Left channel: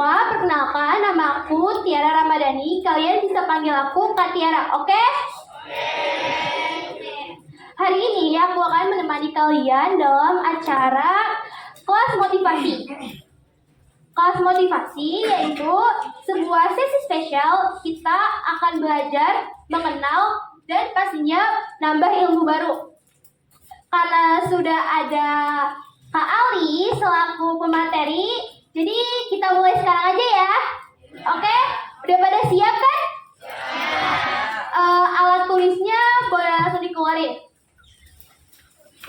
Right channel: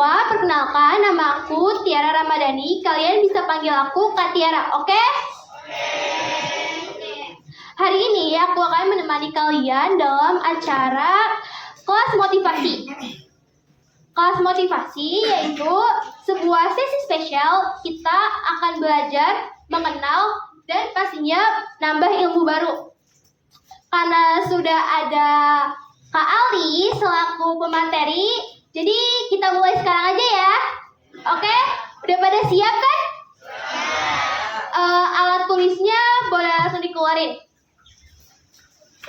semua, perkenalkan nama aku Tiara Ramadhani. Kalian bisa panggil aku Kak Tiara, oke? Hari ini aku akan menemani kalian dalam acara kelas motivasi. Kelas motivasi yaitu sebuah sesi spesial kita akan belajar, mengenal, dan pastinya nambah ilmu baru. Karena sudah ada Kak Ali selaku pemateri, jadi kita mulai sekarang aja ya. Oke? Udah pada siap kan? Alat tulisnya boleh langsung dikeluarin.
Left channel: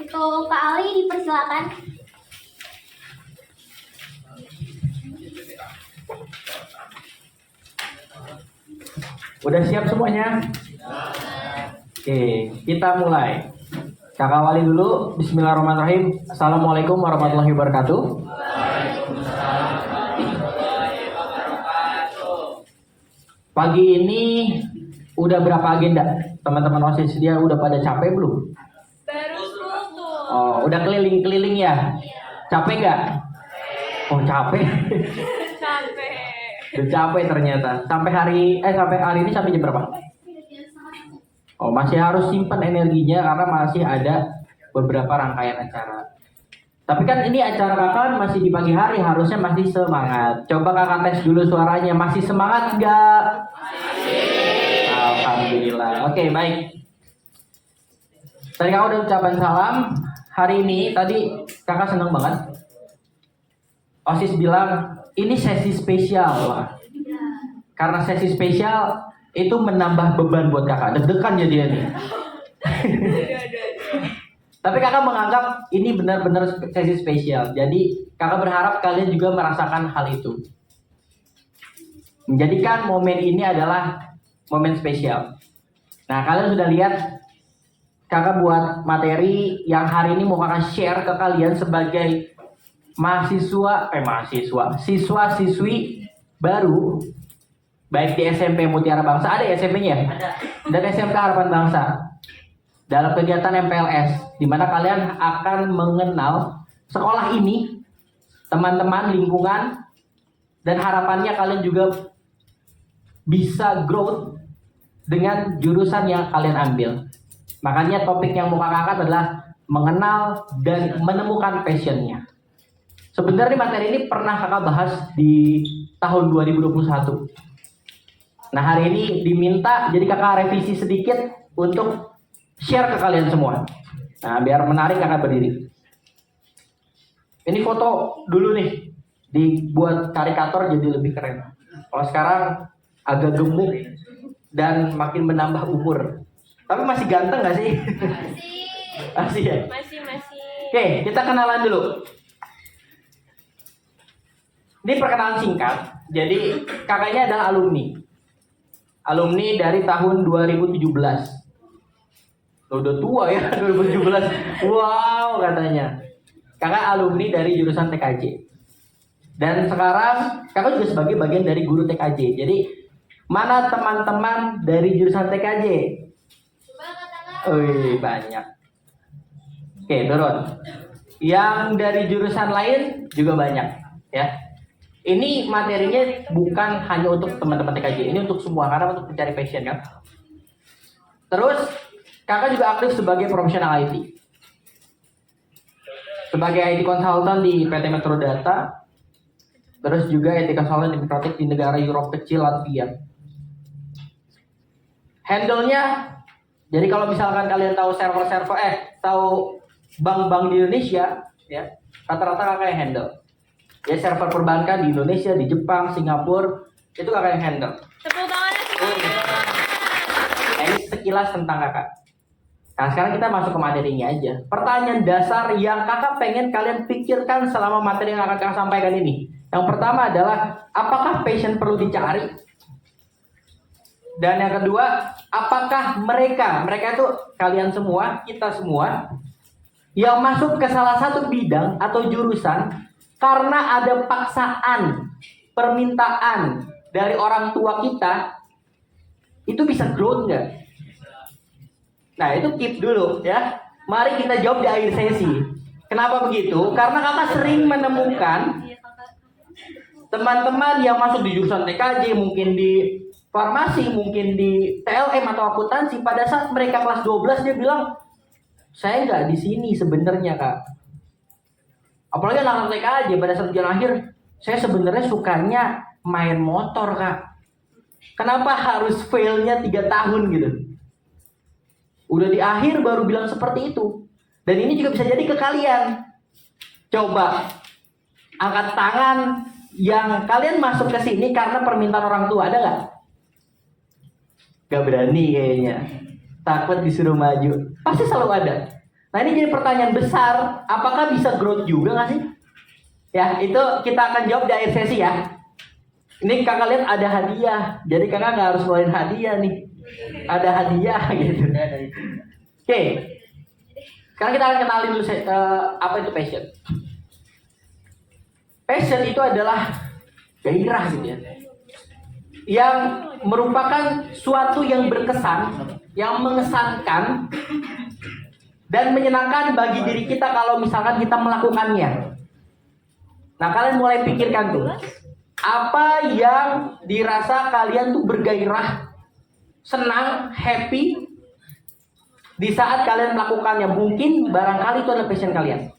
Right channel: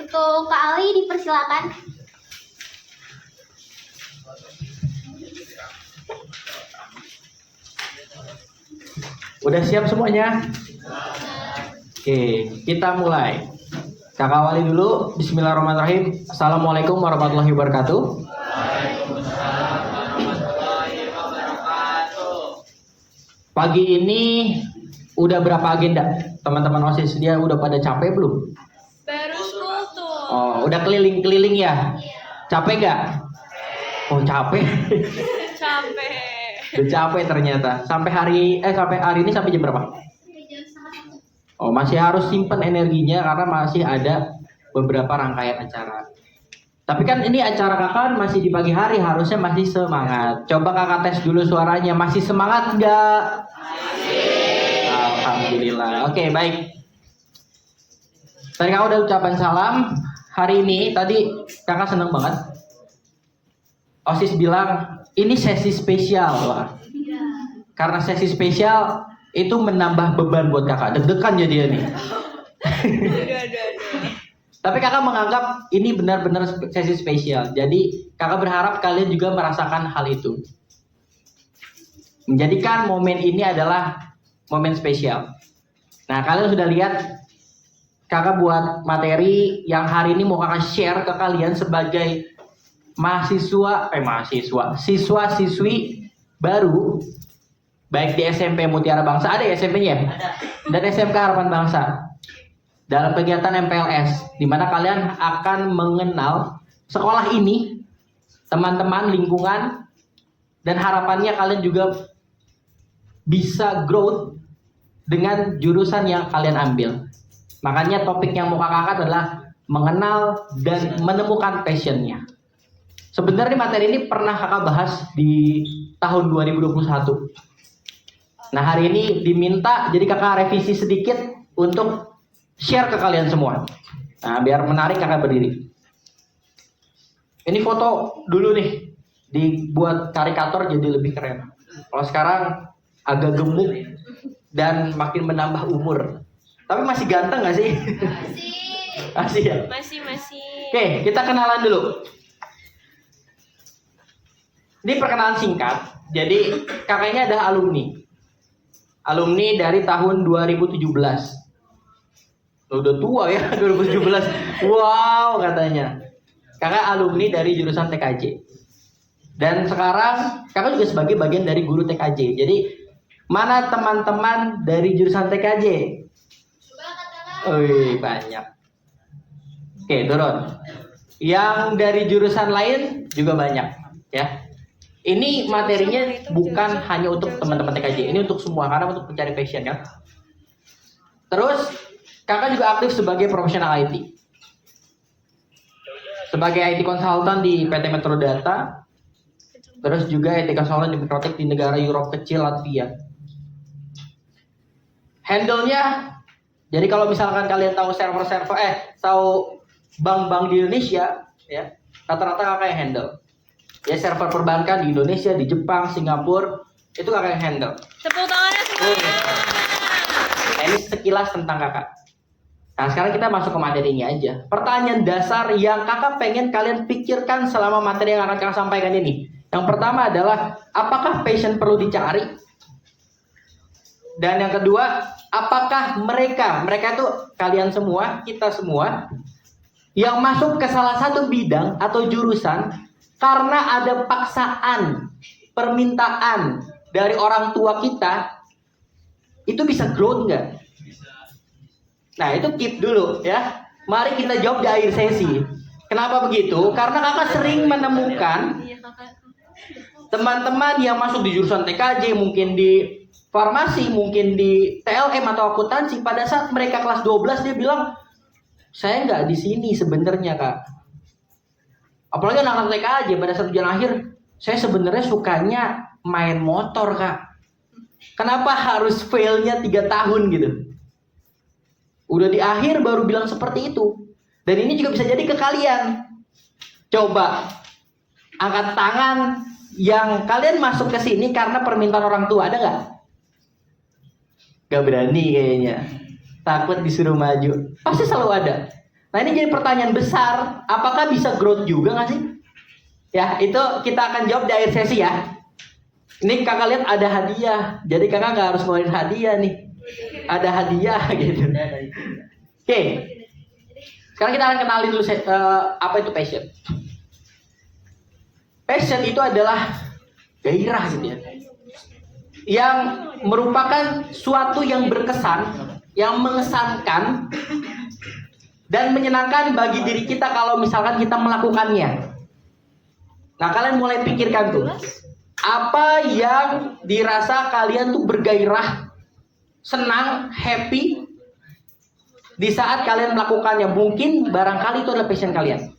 Itu Kak Ali dipersilakan. Udah siap semuanya? Oke, kita mulai. Kakak awali dulu. Bismillahirrahmanirrahim. Assalamualaikum warahmatullahi wabarakatuh. Pagi ini udah berapa agenda? Teman-teman OSIS dia udah pada capek belum? Baru tuh. Oh, udah keliling-keliling ya? Capek gak? Oh, capek. Capek. Udah capek ternyata. Sampai hari ini sampai jam berapa? Oh, masih harus simpan energinya karena masih ada beberapa rangkaian acara. Tapi kan ini acara kakak masih di pagi hari, harusnya masih semangat. Coba kakak tes dulu suaranya, masih semangat nggak? Masih. Alhamdulillah. Oke, baik. Tadi kakak udah ucapan salam. Hari ini tadi kakak seneng banget. OSIS bilang ini sesi spesial, Wah. Karena sesi spesial itu menambah beban buat kakak, deg-degan jadi nih. Tapi kakak menganggap ini benar-benar sesi spesial. Jadi kakak berharap kalian juga merasakan hal itu. Menjadikan momen ini adalah momen spesial. Nah, kalian sudah lihat kakak buat materi yang hari ini mau kakak share ke kalian sebagai siswa-siswi baru. Baik di SMP Mutiara Bangsa, ada ya SMP-nya? Dan SMK Harapan Bangsa. Dalam kegiatan MPLS, di mana kalian akan mengenal sekolah ini, teman-teman, lingkungan, dan harapannya kalian juga bisa growth dengan jurusan yang kalian ambil. Makanya topik yang mau kakak angkat adalah mengenal dan menemukan passion-nya. Sebenarnya materi ini pernah kakak bahas di tahun 2021. Nah, hari ini diminta jadi kakak revisi sedikit untuk share ke kalian semua. Nah, biar menarik kakak berdiri. Ini foto dulu nih, dibuat karikatur jadi lebih keren. Kalau sekarang agak gemuk dan makin menambah umur. Tapi masih ganteng gak sih? Masih ya? Masih. Oke, kita kenalan dulu. Ini perkenalan singkat. Jadi kakaknya adalah alumni dari tahun 2017. Udah tua ya, 2017. Wow, katanya. Kakak alumni dari jurusan TKJ. Dan sekarang kakak juga sebagai bagian dari guru TKJ. Jadi mana teman-teman dari jurusan TKJ? Coba katakan. Wih, banyak. Oke, turun. Yang dari jurusan lain juga banyak, ya. Ini materinya bukan hanya untuk teman-teman TKJ, ini untuk semua karena untuk mencari passion kan. Terus kakak juga aktif sebagai profesional IT, sebagai IT konsultan di PT Metro Data, terus juga IT konsultan di Mikrotek di negara Eropa kecil Latvia. Handle-nya, jadi kalau misalkan kalian tahu tahu bank-bank di Indonesia, ya rata-rata kakak yang handle. Ya server perbankan di Indonesia, di Jepang, Singapura, itu kakak yang handle. Tepuk tangannya semuanya. Nah, ini sekilas tentang kakak. Nah, sekarang kita masuk ke materinya aja. Pertanyaan dasar yang kakak pengen kalian pikirkan selama materi yang akan kakak sampaikan ini. Yang pertama adalah, apakah passion perlu dicari? Dan yang kedua, apakah mereka itu kalian semua, kita semua, yang masuk ke salah satu bidang atau jurusan karena ada paksaan, permintaan dari orang tua kita, itu bisa growth nggak? Nah, itu tip dulu ya. Mari kita jawab di akhir sesi. Kenapa begitu? Karena kakak sering menemukan teman-teman yang masuk di jurusan TKJ, mungkin di farmasi, mungkin di TLM atau akuntansi, pada saat mereka kelas 12 dia bilang, saya nggak di sini sebenarnya kak. Apalagi anak-anak TKJ pada saat ujian akhir, saya sebenarnya sukanya main motor kak. Kenapa harus failnya 3 tahun gitu? Udah di akhir baru bilang seperti itu. Dan ini juga bisa jadi ke kalian. Coba angkat tangan yang kalian masuk ke sini karena permintaan orang tua, ada nggak? Gak berani kayaknya, takut disuruh maju. Pasti selalu ada. Nah ini jadi pertanyaan besar, apakah bisa growth juga nggak sih? Ya itu kita akan jawab di akhir sesi ya. Ini kakak lihat ada hadiah, jadi kakak nggak harus ngeluarin hadiah nih. Ada hadiah gitu. Oke. Sekarang kita akan kenalin dulu apa itu passion. Passion itu adalah gairah gitu ya, yang merupakan suatu yang berkesan, yang mengesankan dan menyenangkan bagi diri kita kalau misalkan kita melakukannya. Nah kalian mulai pikirkan tuh, apa yang dirasa kalian tuh bergairah, senang, happy di saat kalian melakukannya. Mungkin barangkali itu adalah passion kalian.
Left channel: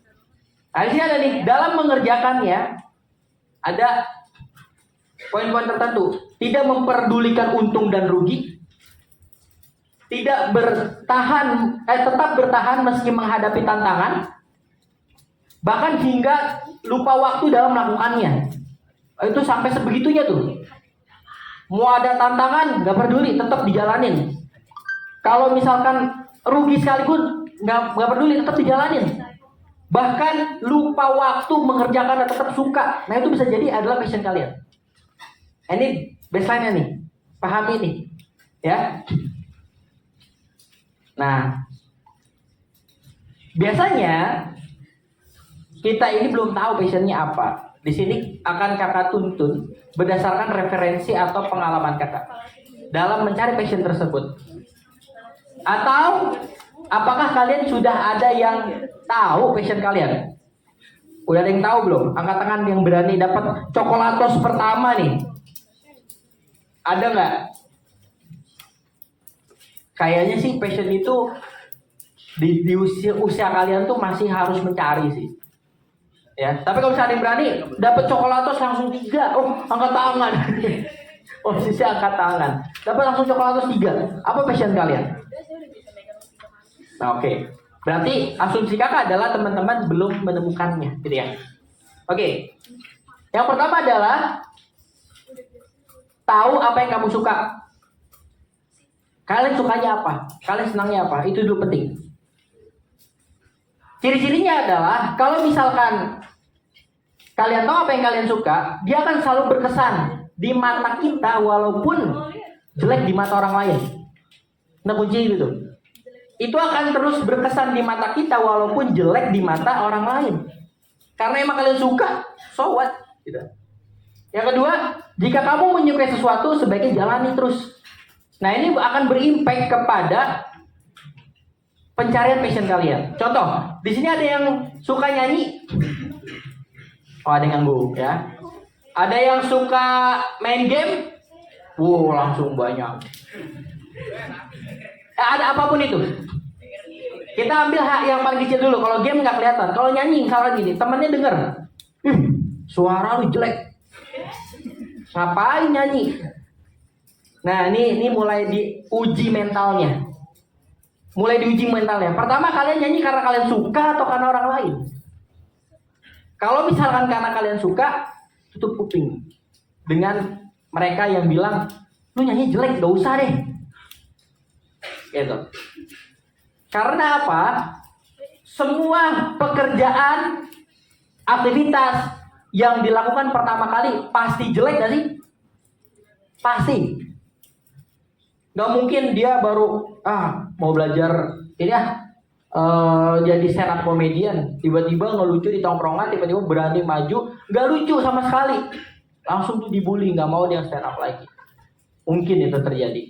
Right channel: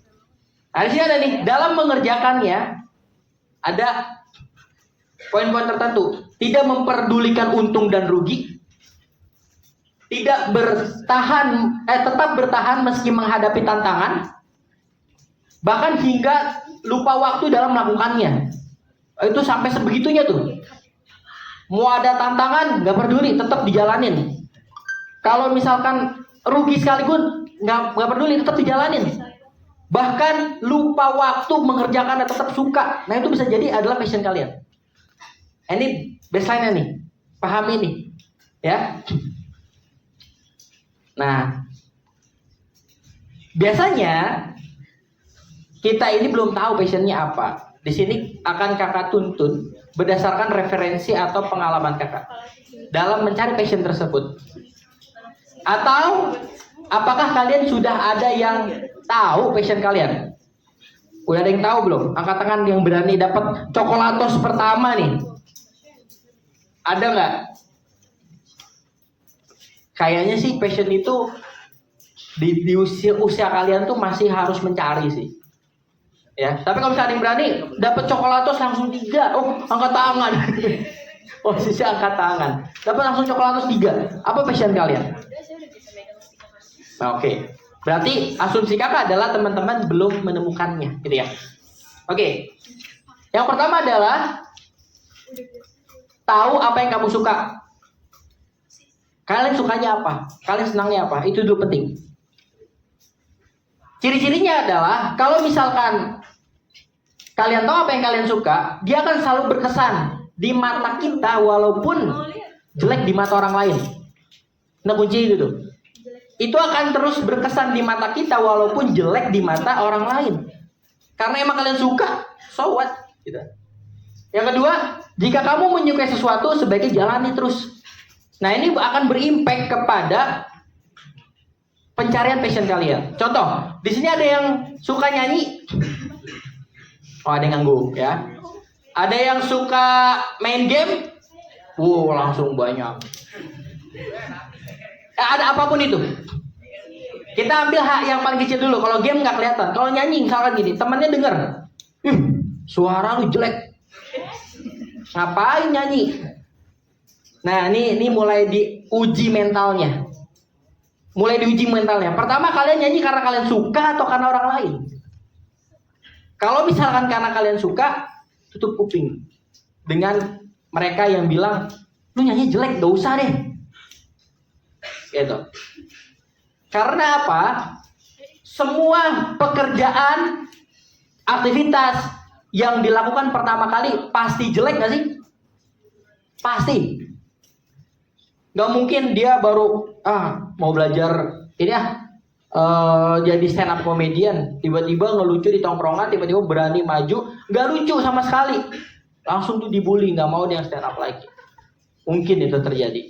Nah di sini ada nih, dalam mengerjakannya ada poin-poin tertentu. Tidak memperdulikan untung dan rugi. Tidak bertahan, tetap bertahan meski menghadapi tantangan. Bahkan hingga lupa waktu dalam melakukannya. Itu sampai sebegitunya tuh. Mau ada tantangan, nggak peduli, tetap dijalanin. Kalau misalkan rugi sekalipun, nggak peduli, tetap dijalanin. Bahkan lupa waktu mengerjakan dan tetap suka. Nah itu bisa jadi adalah passion kalian. Ini baseline-nya nih, paham ini, ya. Nah, biasanya kita ini belum tahu passionnya apa. Di sini akan kakak tuntun berdasarkan referensi atau pengalaman kakak dalam mencari passion tersebut. Atau apakah kalian sudah ada yang tahu passion kalian? Udah ada yang tahu belum? Angkat tangan yang berani dapat coklatos pertama nih. Ada nggak? Kayaknya sih passion itu di usia kalian tuh masih harus mencari sih. Ya, tapi kalau misalnya ada yang berani dapat coklatos langsung 3, oh angkat tangan. Posisi angkat tangan. Dapat langsung coklatos 3. Apa passion kalian? Nah, oke. Berarti asumsi kakak adalah teman-teman belum menemukannya, gitu ya. Oke. Yang pertama adalah tahu apa yang kamu suka. Kalian sukanya apa? Kalian senangnya apa? Itu dulu penting. Ciri-cirinya adalah kalau misalkan kalian tahu apa yang kalian suka, dia akan selalu berkesan di mata kita walaupun jelek di mata orang lain. Nah kunci itu tuh. Itu akan terus berkesan di mata kita walaupun jelek di mata orang lain. Karena emang kalian suka, so what? Gitu. Yang kedua, jika kamu menyukai sesuatu, sebaiknya jalani terus. Nah ini akan berimpact kepada pencarian passion kalian. Contoh, di sini ada yang suka nyanyi. Oh ada yang ganggu ya. Ada yang suka main game. Wow langsung banyak. Ada apapun itu. Kita ambil hak yang paling kecil dulu. Kalau game nggak kelihatan. Kalau nyanyi misalkan gini, temannya dengar, suara lu jelek. Ngapain nyanyi? Nah ini mulai diuji mentalnya. Pertama kalian nyanyi karena kalian suka atau karena orang lain? Kalau misalkan karena kalian suka, tutup kuping dengan mereka yang bilang, lu nyanyi jelek, gak usah deh. Gitu. Karena apa? Semua pekerjaan, aktivitas yang dilakukan pertama kali pasti jelek gak sih? Pasti. Gak mungkin dia baru mau belajar ini jadi stand up comedian, tiba-tiba ngelucu di tongkrongan, tiba-tiba berani maju, gak lucu sama sekali, langsung tuh dibully, gak mau dia stand up lagi. Mungkin itu terjadi.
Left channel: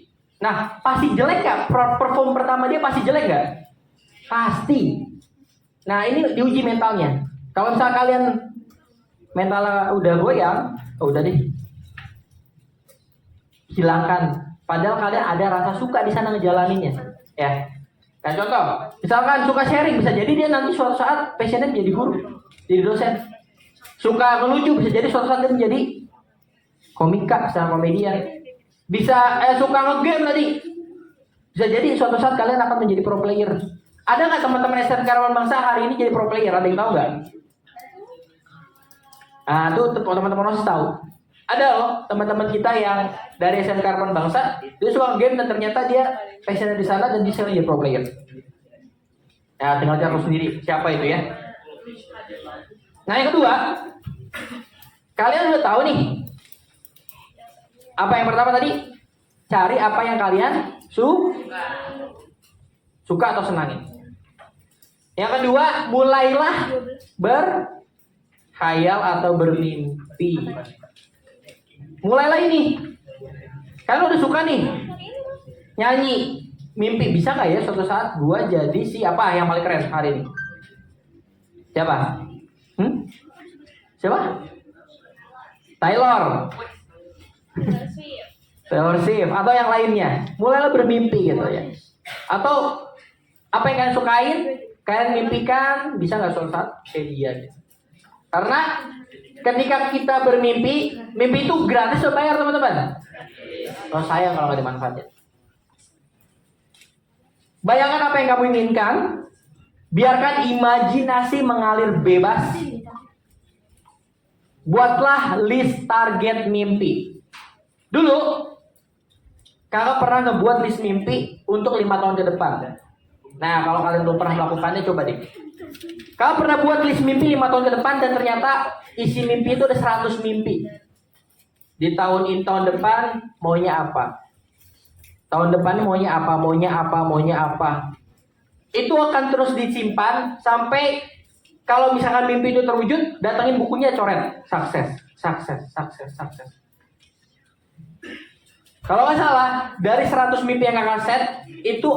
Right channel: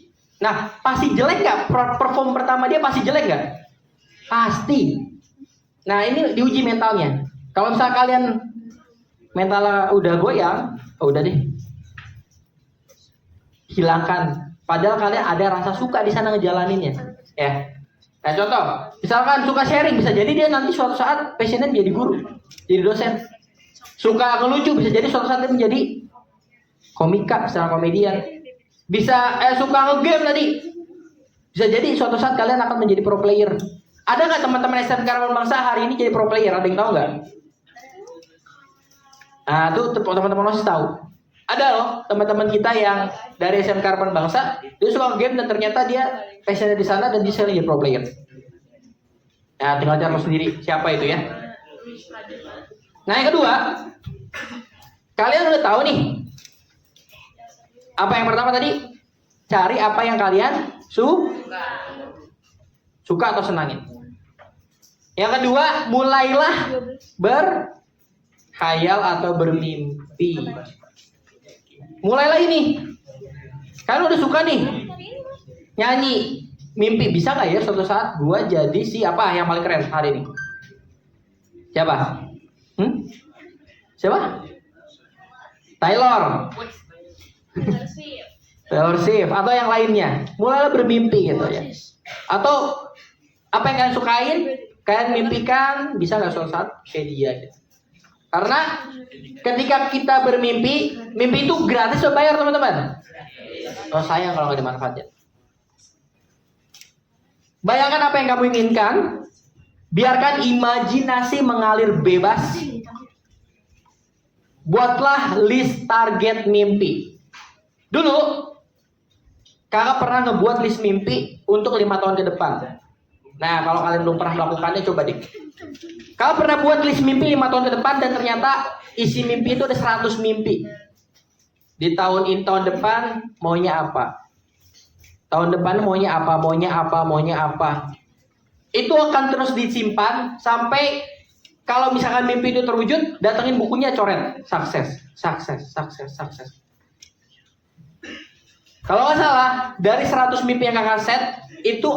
Nah, pasti jelek nggak? Perform pertama dia pasti jelek nggak? Pasti. Nah, ini diuji mentalnya. Kalau misalnya kalian mentalnya udah goyang, Oh, udah deh. Hilangkan. Padahal kalian ada rasa suka di sana ngejalaninnya. Ya. Nah, contoh, misalkan suka sharing, bisa jadi dia nanti suatu saat passionnya menjadi guru, jadi dosen. Suka ngelucu, bisa jadi suatu saat dia menjadi komika, secara komedian. Bisa suka ngegame tadi, bisa jadi suatu saat kalian akan menjadi pro player. Ada nggak teman-teman SMK Harapan Bangsa hari ini jadi pro player? Ada yang tahu nggak? Nah, itu teman-teman harus tahu. Ada loh teman-teman kita yang dari SMK Harapan Bangsa, dia suka game dan ternyata dia passionnya di sana dan dia sekarang jadi pro player. Nah, tinggal cari sendiri siapa itu ya. Nah, yang kedua, kalian udah tahu nih. Apa yang pertama tadi? Cari apa yang kalian suka atau senangin. Yang kedua, mulailah berkhayal atau bermimpi. Mulailah ini. Kalian udah suka nih nyanyi, mimpi, bisa nggak ya suatu saat gua jadi si apa yang paling keren hari ini? Siapa? Siapa? Taylor Swift atau yang lainnya. Mulailah bermimpi gitu ya. Atau apa yang kalian sukain, kalian mimpikan, bisa nggak suatu saat kayak dia gitu. Karena ketika kita bermimpi, mimpi itu gratis atau bayar teman-teman? Oh, sayang kalau nggak dimanfaatin. Bayangkan apa yang kamu inginkan, biarkan imajinasi mengalir bebas. Buatlah list target mimpi. Dulu, kakak pernah ngebuat list mimpi untuk 5 tahun ke depan. Nah, kalau kalian belum pernah melakukannya, coba deh. Kakak pernah buat list mimpi 5 tahun ke depan dan ternyata isi mimpi itu ada 100 mimpi. Di tahun ini, tahun depan maunya apa? Tahun depan maunya apa? Itu akan terus disimpan sampai kalau misalkan mimpi itu terwujud, datangin bukunya coret. Sukses. Kalau nggak salah, dari 100 mimpi yang kakak set, itu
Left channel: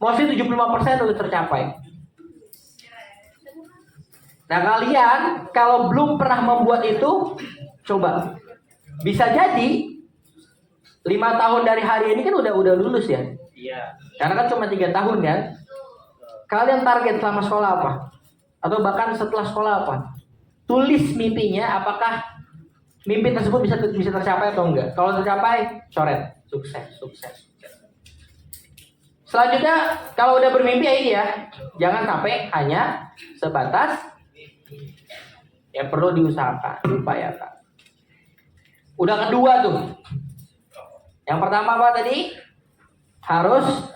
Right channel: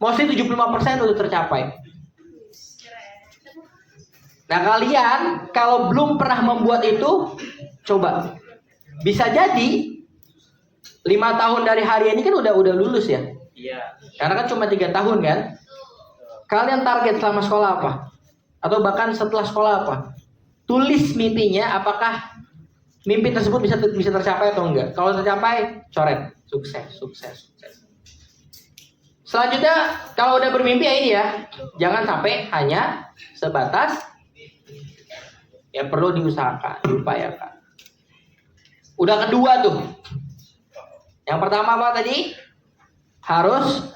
mostly 75% udah tercapai. Nah, kalian kalau belum pernah membuat itu, coba. Bisa jadi 5 tahun dari hari ini kan udah lulus ya. Iya. Karena kan cuma 3 tahun kan. Kalian target selama sekolah apa? Atau bahkan setelah sekolah apa? Tulis mimpinya, apakah mimpi tersebut bisa tercapai atau enggak. Kalau tercapai, coret. Sukses. Selanjutnya, kalau udah bermimpi ya ini ya, jangan sampai hanya sebatas yang perlu diusahakan, diupayakan. Udah kedua tuh. Yang pertama apa tadi? Harus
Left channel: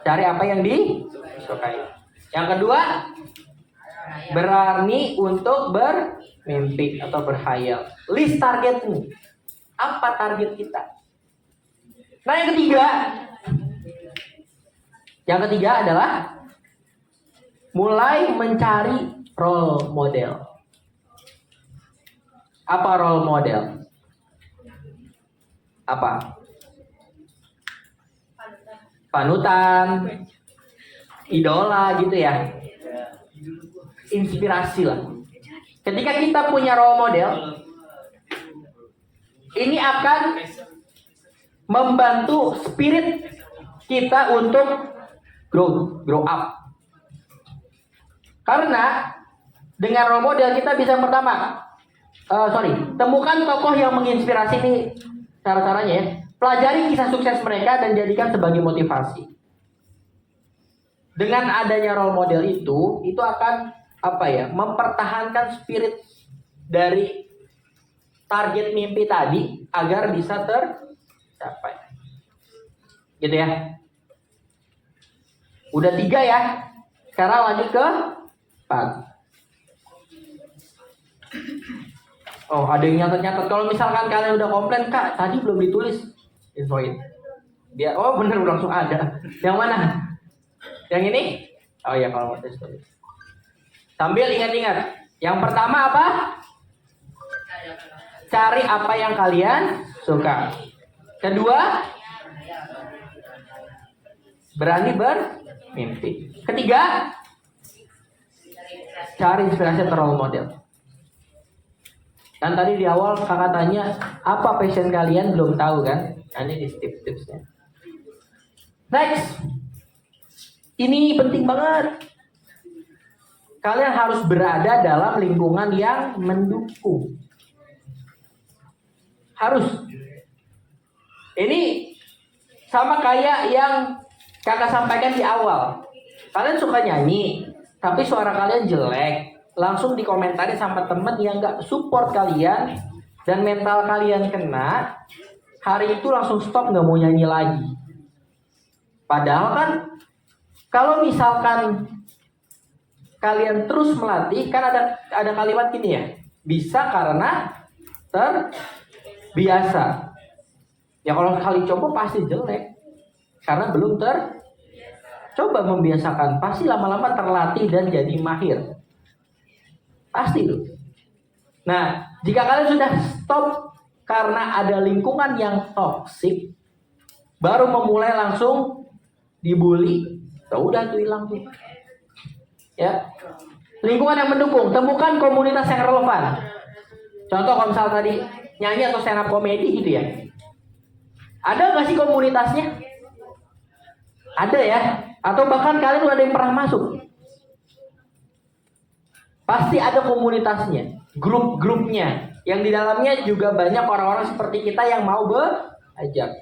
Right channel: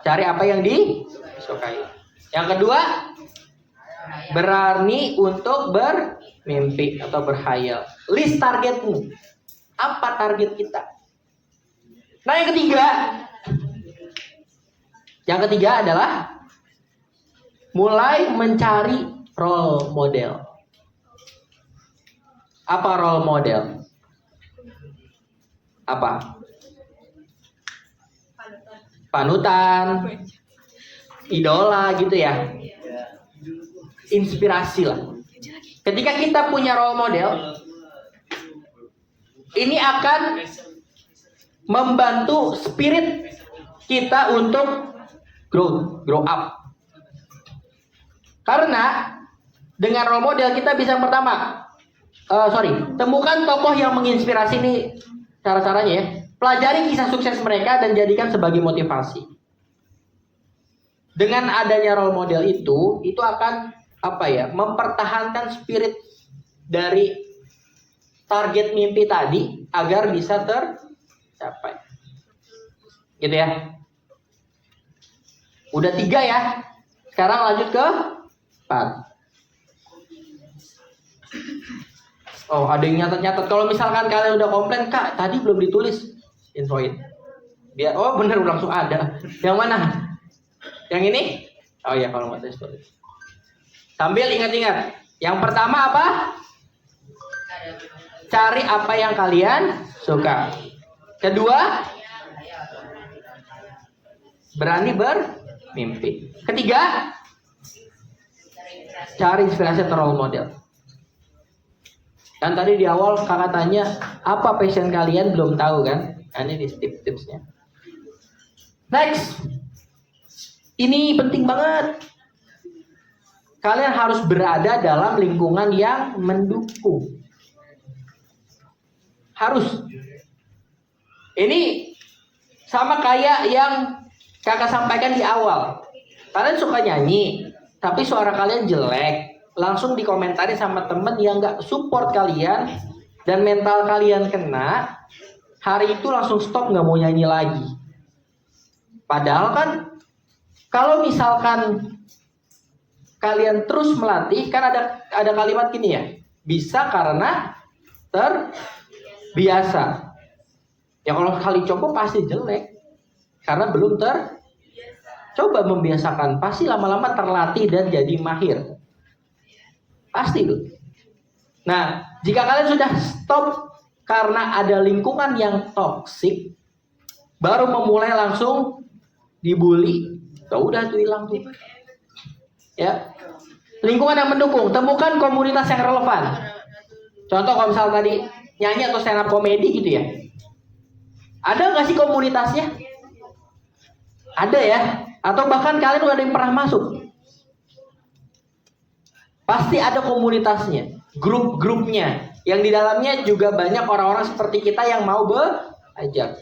cari apa yang disukai. Yang kedua, berani untuk bermimpi atau berkhayal. List targetmu. Apa target kita? Nah, yang ketiga adalah mulai mencari role model. Apa role model? Apa? Panutan, idola gitu ya. Inspirasi lah. Ketika kita punya role model, ini akan membantu spirit kita untuk grow up. Karena dengan role model kita bisa pertama, temukan tokoh yang menginspirasi. Ini cara-caranya ya. Pelajari kisah sukses mereka dan jadikan sebagai motivasi. Dengan adanya role model itu akan mempertahankan spirit dari target mimpi tadi agar bisa tercapai. Gitu ya. Udah 3 ya. Sekarang lanjut ke 4. Oh, ada yang nyatet-nyatet. Kalau misalkan kalian udah komplain, Kak, tadi belum ditulis, infoin. Biar bener langsung ada. Yang mana? Yang ini? Oh ya, kalau nggak tulis. Sambil ingat-ingat. Yang pertama apa? Cari apa yang kalian suka. Kedua, berani bermimpi. Ketiga, cari inspirasi atau role model. Kan tadi di awal kakak tanya apa passion kalian, belum tahu kan? Ini tips-tipsnya. Next, ini penting banget. Kalian harus berada dalam lingkungan yang mendukung. Harus. Ini sama kayak yang kakak sampaikan di awal. Kalian suka nyanyi, tapi suara kalian jelek. Langsung dikomentari sama temen yang gak support kalian. Dan mental kalian kena. Hari itu langsung stop, gak mau nyanyi lagi. Padahal kan, kalau misalkan kalian terus melatih, kan ada kalimat gini ya, bisa karena terbiasa. Ya kalau kali coba pasti jelek, karena belum coba membiasakan, pasti lama-lama terlatih dan jadi mahir, pasti tuh. Nah, jika kalian sudah stop karena ada lingkungan yang toksik, baru memulai langsung dibully, ya udah tuh hilang tuh. Ya, lingkungan yang mendukung, temukan komunitas yang relevan. Contoh kalau misal tadi nyanyi atau stand up komedi gitu ya, ada nggak sih komunitasnya? Ada ya, atau bahkan kalian udah ada yang pernah masuk? Pasti ada komunitasnya, grup-grupnya, yang di dalamnya juga banyak orang-orang seperti kita yang mau belajar.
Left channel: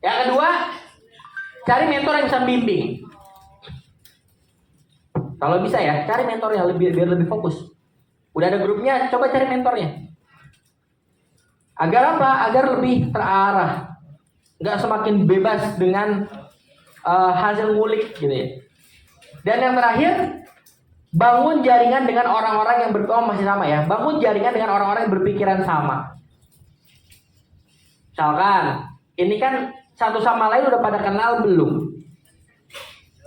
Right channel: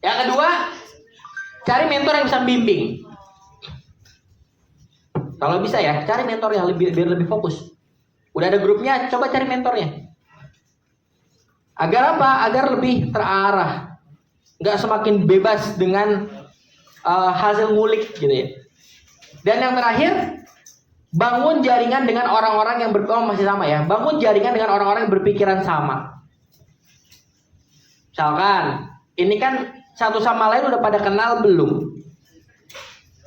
Yang kedua, cari mentor yang bisa bimbing. Kalau bisa ya, cari mentor yang biar lebih fokus. Udah ada grupnya, coba cari mentornya. Agar apa? Agar lebih terarah. Nggak semakin bebas dengan hasil ngulik gitu ya. Dan yang terakhir, bangun jaringan dengan orang-orang yang masih sama ya. Bangun jaringan dengan orang-orang yang berpikiran sama. Misalkan, ini kan satu sama lain udah pada kenal belum?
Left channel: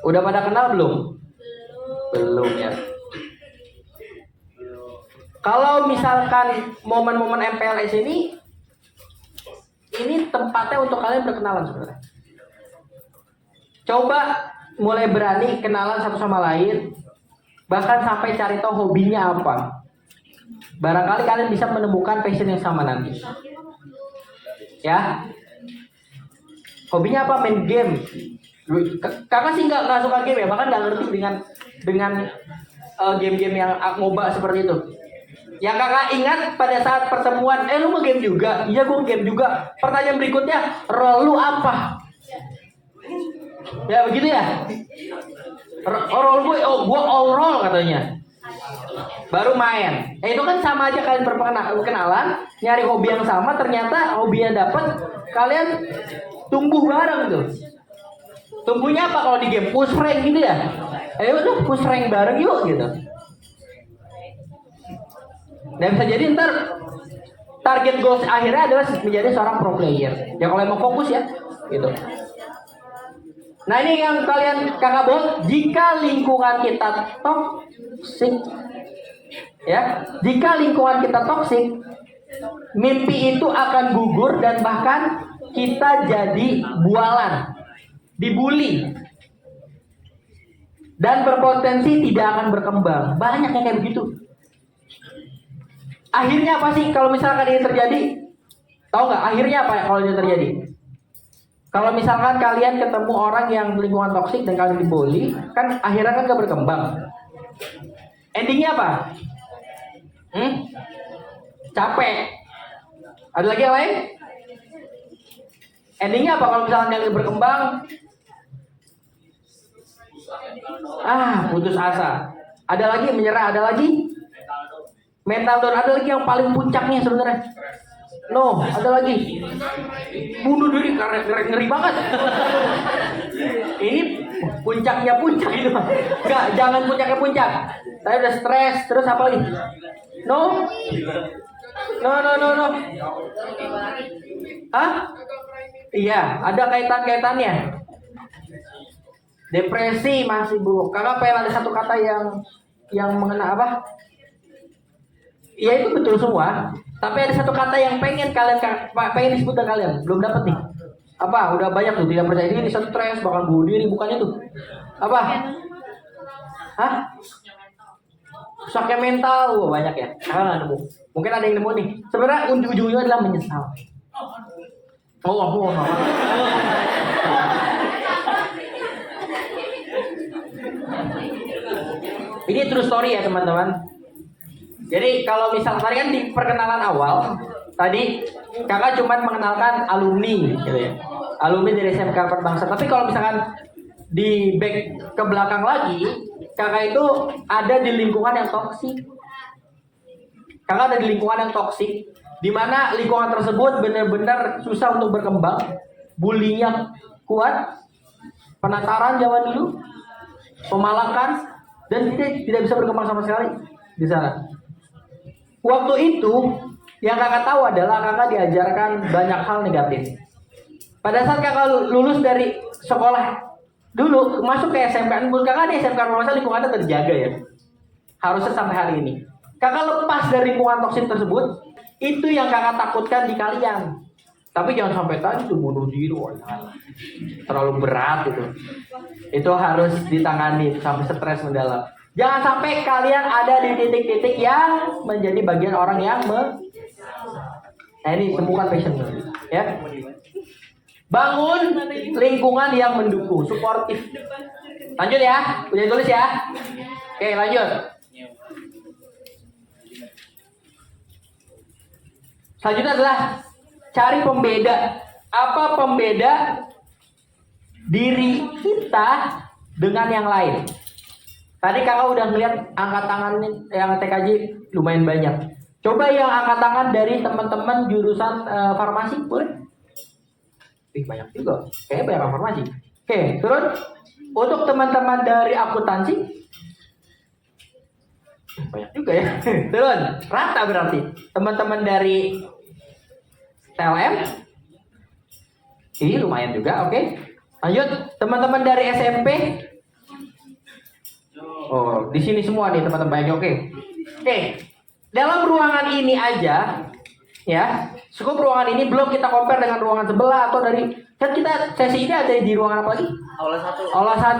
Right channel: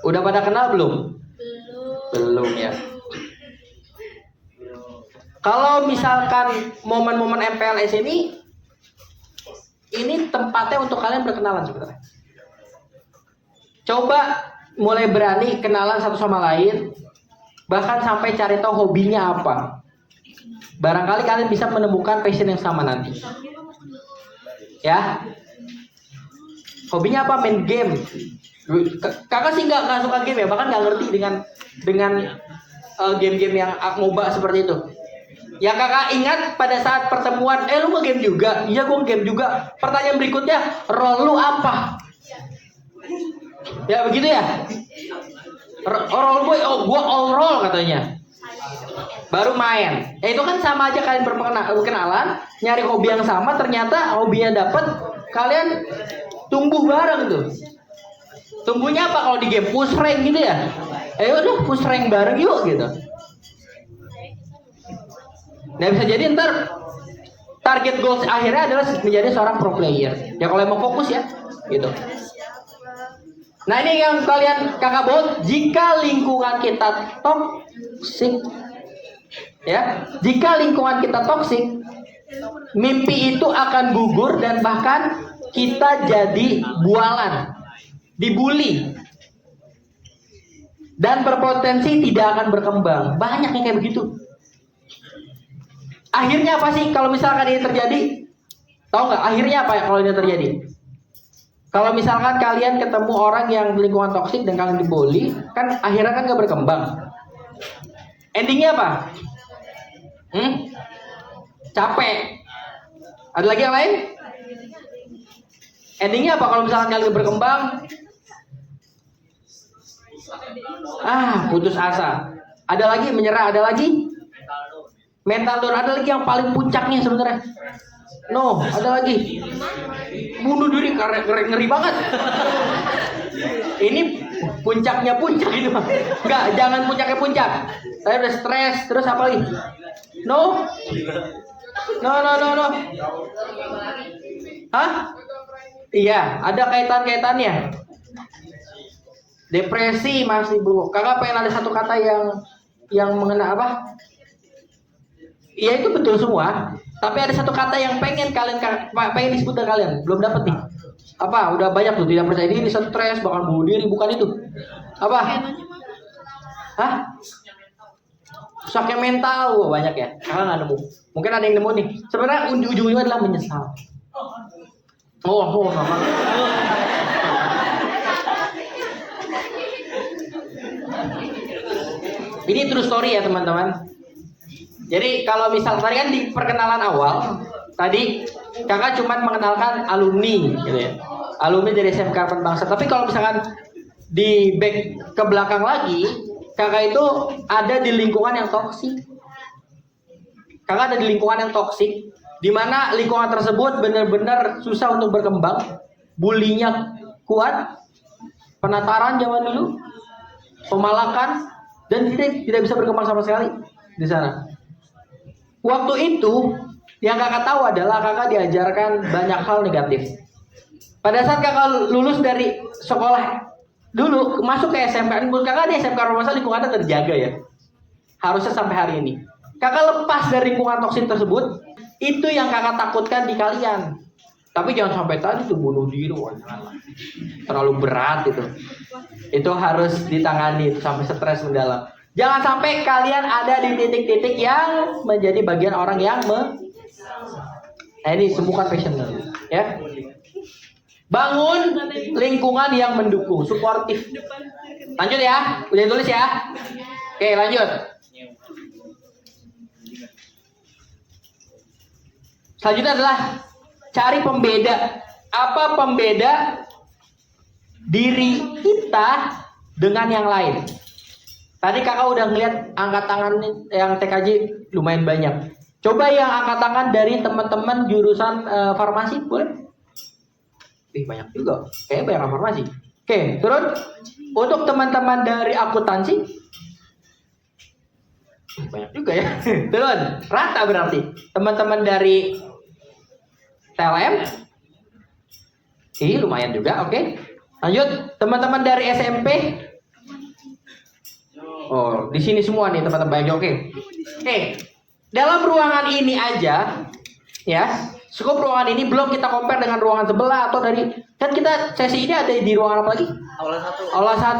Udah pada kenal belum? Belum ya. Kalau misalkan momen-momen MPLS ini tempatnya untuk kalian berkenalan sebenarnya. Coba mulai berani kenalan satu sama lain, bahkan sampai cari tahu hobinya apa. Barangkali kalian bisa menemukan passion yang sama nanti. Ya. Hobinya apa? Main game. Kakak sih nggak suka game ya, bahkan nggak ngerti dengan game-game yang MOBA seperti itu. Yang kakak ingat pada saat pertemuan, lu mau game juga? Iya, gue game juga. Pertanyaan berikutnya, role lu apa? Ya begitu ya. Role gue, gue all role katanya. Baru main. Itu kan sama aja kalian berkenalan, nyari hobi yang sama, ternyata hobinya dapat, kalian tumbuh bareng tuh. Tumbuhnya apa kalau di game? Push rank gitu ya? Udah push rank bareng yuk gitu. Dan bisa jadi ntar target goals akhirnya adalah menjadi seorang pro player. Ya kalau mau fokus ya, gitu. Nah ini yang kalian kakak bawa, jika lingkungan kita toksik, ya, jika lingkungan kita toksik, mimpi itu akan gugur dan bahkan kita jadi bualan, dibully, dan berpotensi tidak akan berkembang. Banyak yang kayak begitu. Akhirnya apa sih kalau misalkan ini terjadi? Tahu nggak? Akhirnya apa ya kalau ini terjadi? Kalau misalkan kalian ketemu orang yang lingkungan toksik dan kalian dibully, kan akhirnya kan nggak berkembang. Endingnya apa? Capek. Ada lagi yang lain? Endingnya apa kalau misalkan kalian berkembang? Putus asa. Ada lagi menyerah, ada lagi mental down, ada lagi yang paling puncaknya sebenarnya. No, ada lagi bunuh diri karena ngeri banget. Ini puncaknya puncak gitu. Enggak, jangan puncaknya puncak. Saya udah stres, terus apa lagi? No. Hah? Iya, ada kaitannya. Depresi masih Bu. Kakak pengen ada satu kata yang mengena apa? Iya itu betul semua. Tapi ada satu kata yang pengen disebut dengan kalian, belum dapat nih. Apa? Udah banyak tuh tidak percaya diri, stres, bakal bunuh diri, bukan itu. Apa? Hah? Rusaknya mental, wah banyak ya. Kakak nggak nemu. Mungkin ada yang nemu nih. Sebenarnya ujung-ujungnya adalah menyesal. Oh. Ini true story ya teman-teman. Jadi kalau misal tadi kan di perkenalan awal, tadi kakak cuma mengenalkan alumni gitu ya. Alumni dari SMK Harapan Bangsa. Tapi kalau misalkan di back ke belakang lagi, kakak itu ada di lingkungan yang toksik. Kakak ada di lingkungan yang toksik, di mana lingkungan tersebut benar-benar susah untuk berkembang, bulinya kuat, penataran zaman dulu, pemalakan, dan tidak bisa berkembang sama sekali di sana. Waktu itu yang kakak tahu adalah kakak diajarkan banyak hal negatif. Pada saat kakak lulus dari sekolah dulu masuk ke SMK, menurut kakak di SMK Romansari lingkungannya terjaga ya. Harusnya sampai hari ini. Kakak lepas dari lingkungan toksik tersebut, itu yang kakak takutkan di kalian. Tapi jangan sampai tadi tuh bunuh diri, terlalu berat itu. Itu harus ditangani sampai stres mendalam. Jangan sampai kalian ada di titik-titik yang menjadi bagian orang yang Nah ini semua passion ya. Bangun lingkungan yang mendukung, suportif. Lanjut ya, udah tulis ya. Oke, lanjut. Selanjutnya adalah cari pembeda. Apa pembeda diri kita dengan yang lain? Tadi kakak udah melihat angkat tangan yang TKJ lumayan banyak. Coba yang angkat tangan dari teman-teman jurusan farmasi, boleh? Banyak juga. Kayaknya banyak farmasi. Oke, terus untuk teman-teman dari akuntansi, banyak juga ya. Turun, rata berarti. Teman-teman dari TLM, lumayan juga. Oke. Lanjut, teman-teman dari SMP. Oh, di sini semua nih teman-teman. Oke. Dalam ruangan ini aja, ya. Skop ruangan ini belum kita compare dengan ruangan sebelah atau dari kan kita sesi ini ada di ruangan apa lagi? Aula 1.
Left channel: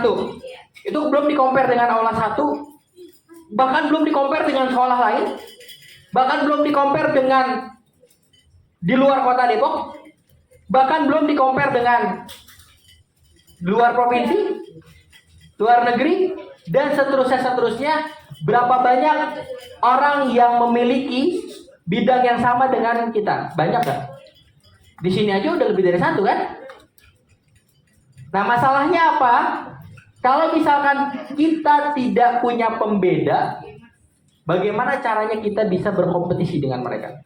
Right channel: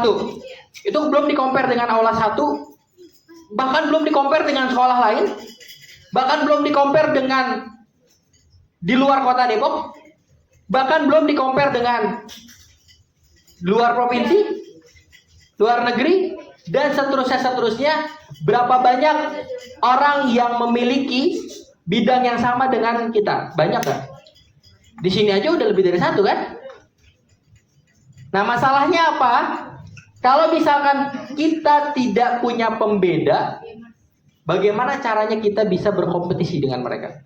Itu belum di compare dengan aula 1. Bahkan belum di compare dengan sekolah lain. Bahkan belum di compare dengan di luar kota Depok. Bahkan belum di compare dengan luar provinsi, luar negeri, dan seterusnya. Berapa banyak orang yang memiliki bidang yang sama dengan kita? Banyak kan? Di sini aja udah lebih dari satu kan? Nah masalahnya apa? Kalau misalkan kita tidak punya pembeda, bagaimana caranya kita bisa berkompetisi dengan mereka?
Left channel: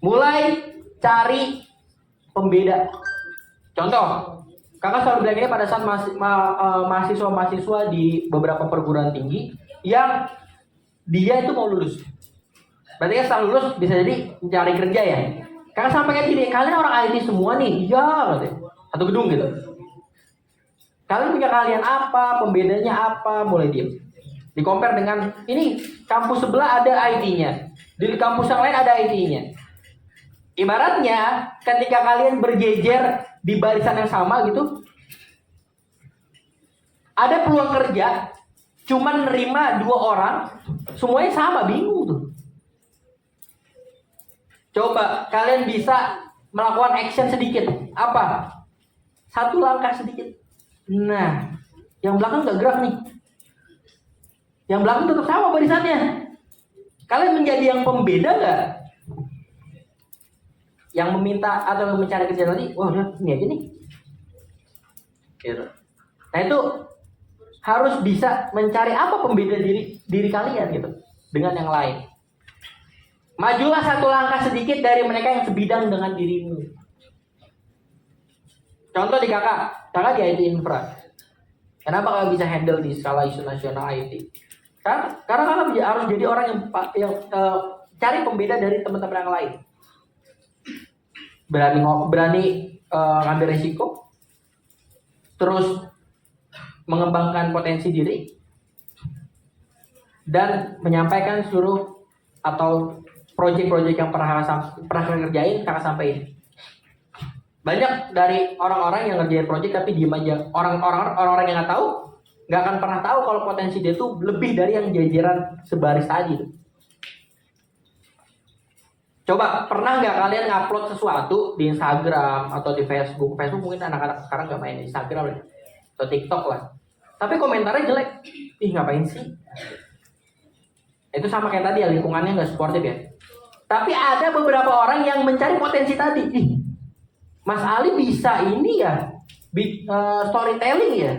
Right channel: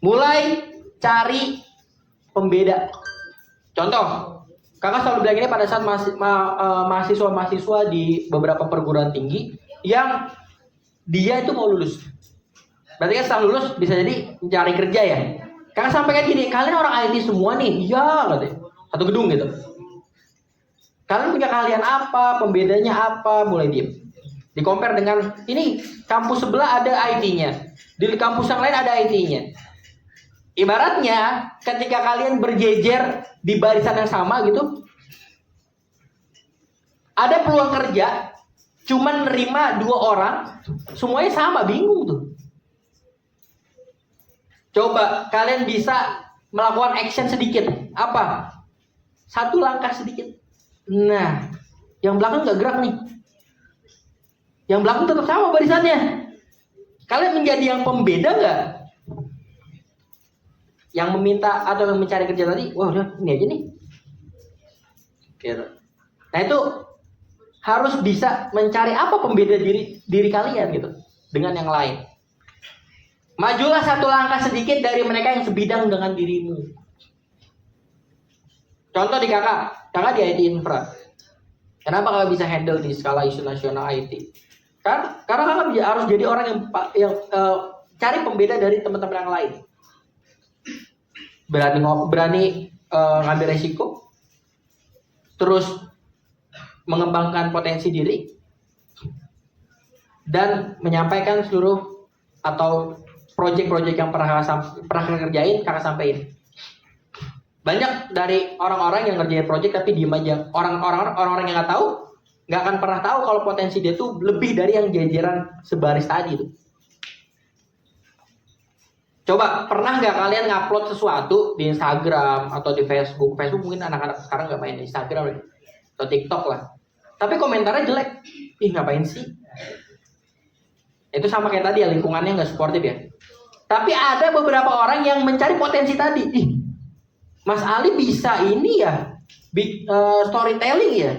Mulai cari pembeda. Contoh, kakak selalu bilang ini pada saat mahasiswa-mahasiswa di beberapa perguruan tinggi yang dia itu mau lulus. Berarti kan setelah lulus bisa jadi mencari kerja ya. Kakak sampaikan gini, kalian orang IT semua nih, iya katanya. Satu gedung gitu. Kalian punya keahlian apa, pembedanya apa, boleh diem. Di compare dengan ini kampus sebelah ada IT-nya, di kampus yang lain ada IT-nya. Ibaratnya ketika kalian berjejer di barisan yang sama gitu, ada peluang kerja, cuman nerima 2 orang, semuanya sama, bingung tuh. Coba kalian bisa melakukan action sedikit, apa? 1 langkah sedikit. Nah, yang belakang nggak gerak nih, yang belakang tetap sama barisannya. Kalian menjadi yang pembeda nggak? Yang meminta atau yang mencari kerja tadi, wah udah ini aja nih. Gitu. Nah itu harus bisa mencari apa pembeda diri kalian gitu dengan yang lain. Majulah 1 langkah sedikit dari mereka yang sebidang dengan dirimu. Contoh di kakak di IT infra. Kenapa kakak bisa handle di skala isu nasional IT? Karena kakak harus jadi orang yang cari pembeda dari teman-teman yang lain. Berani ngambil resiko, terus mengembangkan potensi diri, dan menyampaikan seluruh atau proyek-proyek yang pernah kerjain kakak sampein. Banyak dari orang-orang yang ngerjain proyek tapi diem aja. Orang-orang yang nggak tahu nggak akan pernah tahu kalau potensi dia tuh lebih dari yang jajaran sebaris tadi tuh. Coba pernah nggak kalian ngupload sesuatu di Instagram atau di Facebook? Facebook mungkin anak-anak sekarang nggak main Instagram atau TikTok lah. Tapi komentarnya jelek. Ih, ngapain sih? Itu sama kayak tadi ya, lingkungannya nggak supportive ya. Tapi ada beberapa orang yang mencari potensi tadi. Ih, Mas Ali bisa ini ya, storytelling ya.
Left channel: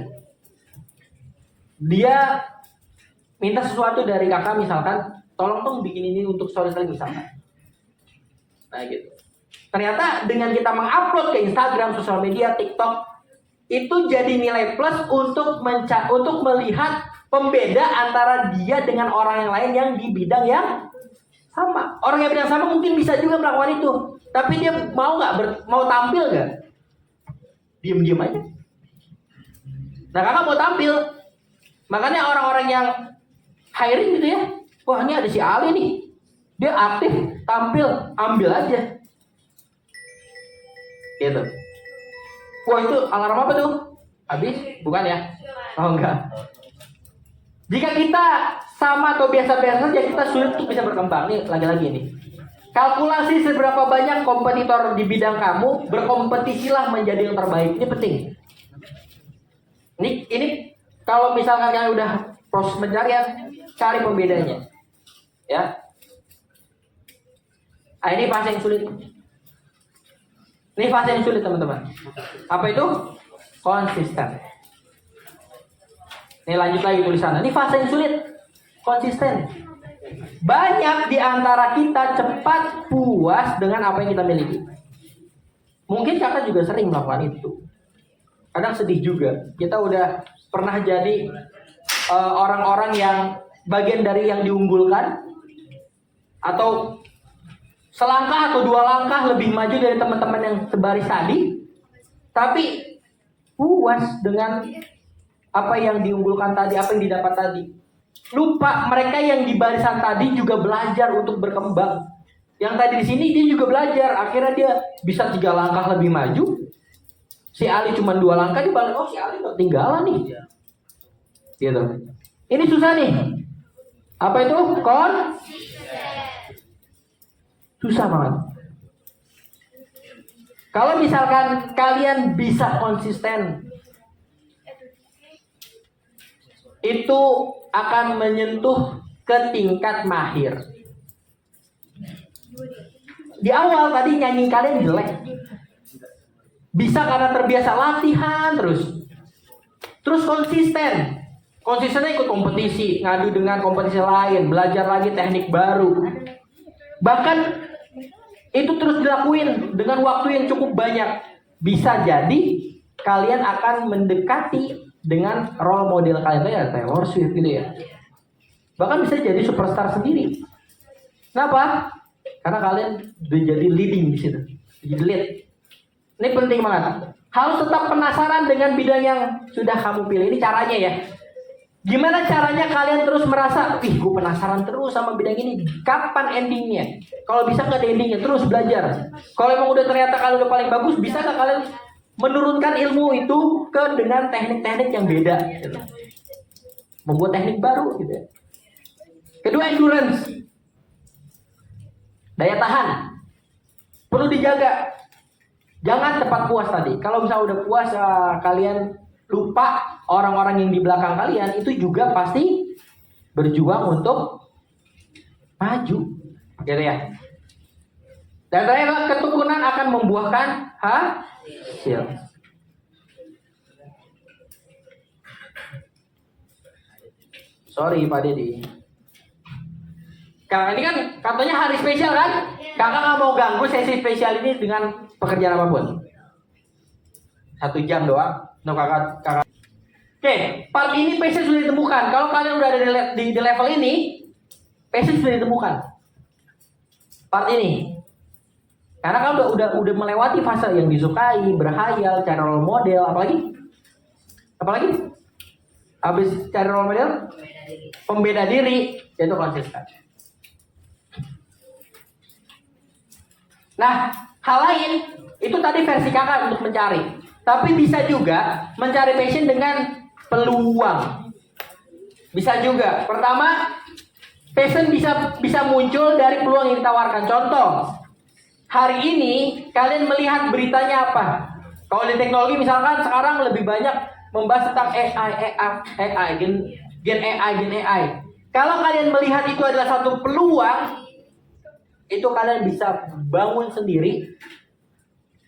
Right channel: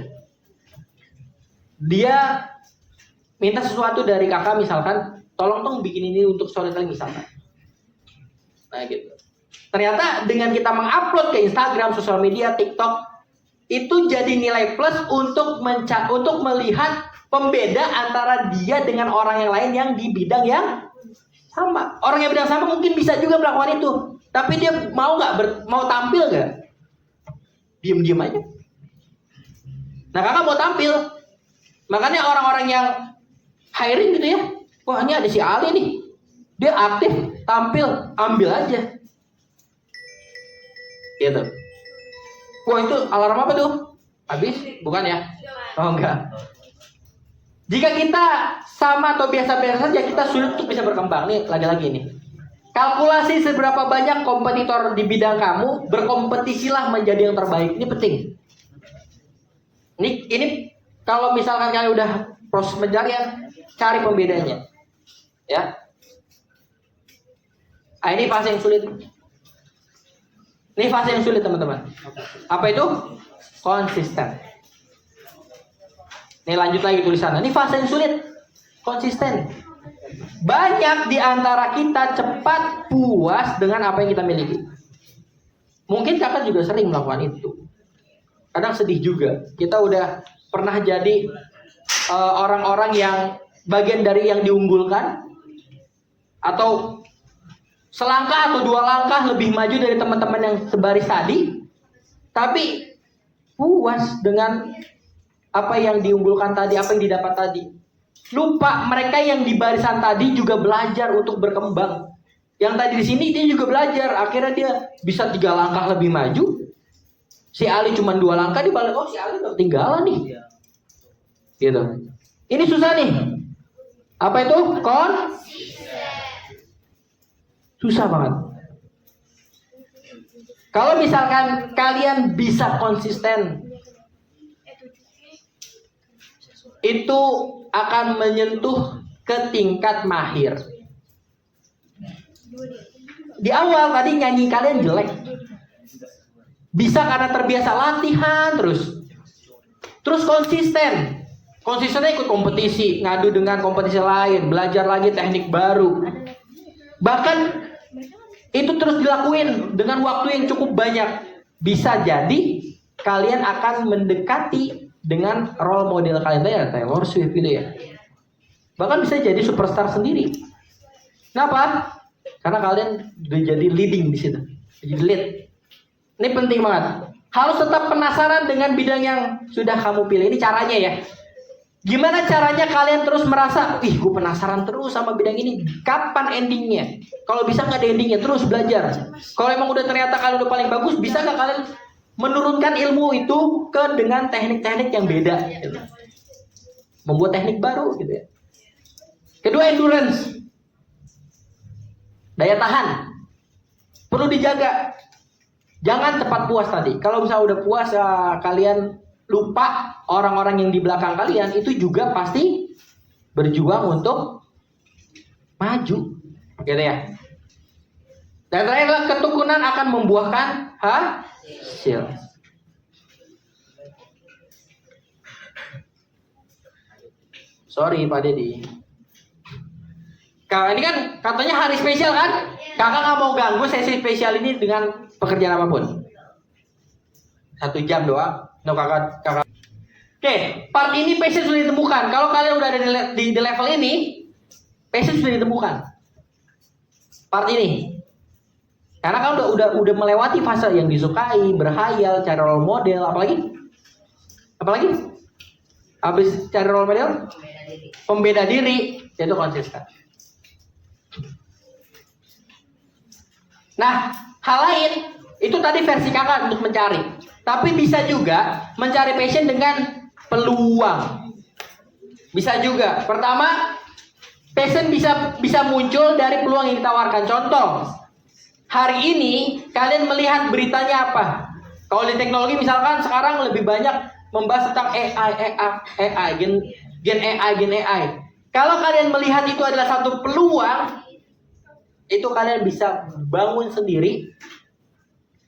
Dia minta sesuatu dari kakak misalkan, tolong dong bikin ini untuk storytelling misalkan. Nah gitu. Ternyata dengan kita mengupload ke Instagram, sosial media, TikTok, itu jadi nilai plus untuk melihat pembeda antara dia dengan orang yang lain yang di bidang yang sama. Orang yang bidang sama mungkin bisa juga melakukan itu, tapi dia mau mau tampil nggak? Diem aja. Nah kakak mau tampil, makanya orang-orang yang hiring gitu ya, wah ini ada si Ali nih, dia aktif, tampil, ambil aja. Gitu. Wah itu alarm apa tuh? Habis? Bukan ya? Oh enggak. Jika kita sama atau biasa-biasa saja, kita sulit untuk bisa berkembang. Nih lagi-lagi nih. Kalkulasi seberapa banyak kompetitor di bidang kamu, berkompetisilah menjadi yang terbaik. Ini penting. Ini kalau misalkan kalian udah proses pencarian, cari pembedanya. Ya. Nah, ini fase yang sulit. Ini fase yang sulit teman-teman. Apa itu? Konsisten. Ini lanjut lagi tulisannya. Ini fase yang sulit. Konsisten. Banyak di antara kita cepat puas dengan apa yang kita miliki. Mungkin kakak juga sering melakukan itu. Kadang sedih juga. Kita udah pernah jadi orang-orang yang bagian dari yang diunggulkan, atau selangkah atau 2 langkah lebih maju dari teman-teman yang sebaris tadi, tapi puas dengan apa yang diunggulkan tadi, apa yang didapat tadi. Lupa mereka yang di barisan tadi juga belajar untuk berkembang. Yang tadi di sini dia juga belajar, akhirnya dia bisa 3 langkah lebih maju. Si Ali cuma 2 langkah, dia balik, oh si Ali ketinggalan nih. Gitu. Ini susah nih. Apa itu? Susah banget. Kalau misalkan kalian bisa konsisten, itu akan menyentuh ke tingkat mahir. Di awal tadi nyanyi kalian jelek, bisa karena terbiasa latihan terus konsisten. Konsistennya ikut kompetisi, ngadu dengan kompetisi lain, belajar lagi teknik baru. Bahkan itu terus dilakuin dengan waktu yang cukup banyak. Bisa jadi kalian akan mendekati dengan role model kalian ya, Taylor Swift gitu ya. Bahkan bisa jadi superstar sendiri. Kenapa? Karena kalian udah jadi leading di situ, jadi lead. Ini penting banget. Harus tetap penasaran dengan bidang yang sudah kamu pilih. Ini caranya ya. Gimana caranya kalian terus merasa, gue penasaran terus sama bidang ini. Kapan endingnya? Kalau bisa nggak ada endingnya, terus belajar. Kalau emang udah ternyata kalian udah paling bagus, bisa nggak kalian menurunkan ilmu itu dengan teknik-teknik yang beda? Gitu. Membuat teknik baru gitu ya. Kedua, endurance. Daya tahan. Perlu dijaga. Jangan cepat puas tadi. Kalau misalnya udah puas, kalian lupa orang-orang yang di belakang kalian itu juga pasti berjuang untuk maju, gitu ya. Dan terakhir, ketekunan akan membuahkan hasil. Sorry Pak Dedi. Kak, ini kan katanya hari spesial kan? Kakak nggak mau ganggu sesi spesial ini dengan pekerjaan apapun. 1 jam doang. No, kakak. Oke, part ini passion sudah ditemukan. Kalau kalian udah ada di level ini, passion sudah ditemukan. Part ini. Karena kan udah melewati fase yang disukai, berhayal, cari role model, apalagi? Habis cari role model, pembeda diri, yaitu konsisten. Nah, hal lain itu tadi versi kakak untuk mencari. Tapi bisa juga mencari passion dengan peluang. Bisa juga. Pertama, passion bisa muncul dari peluang yang ditawarkan. Contoh, hari ini kalian melihat beritanya apa? Kalau di teknologi misalkan sekarang lebih banyak membahas tentang AI, gen AI. Kalau kalian melihat itu adalah satu peluang, itu kalian bisa bangun sendiri.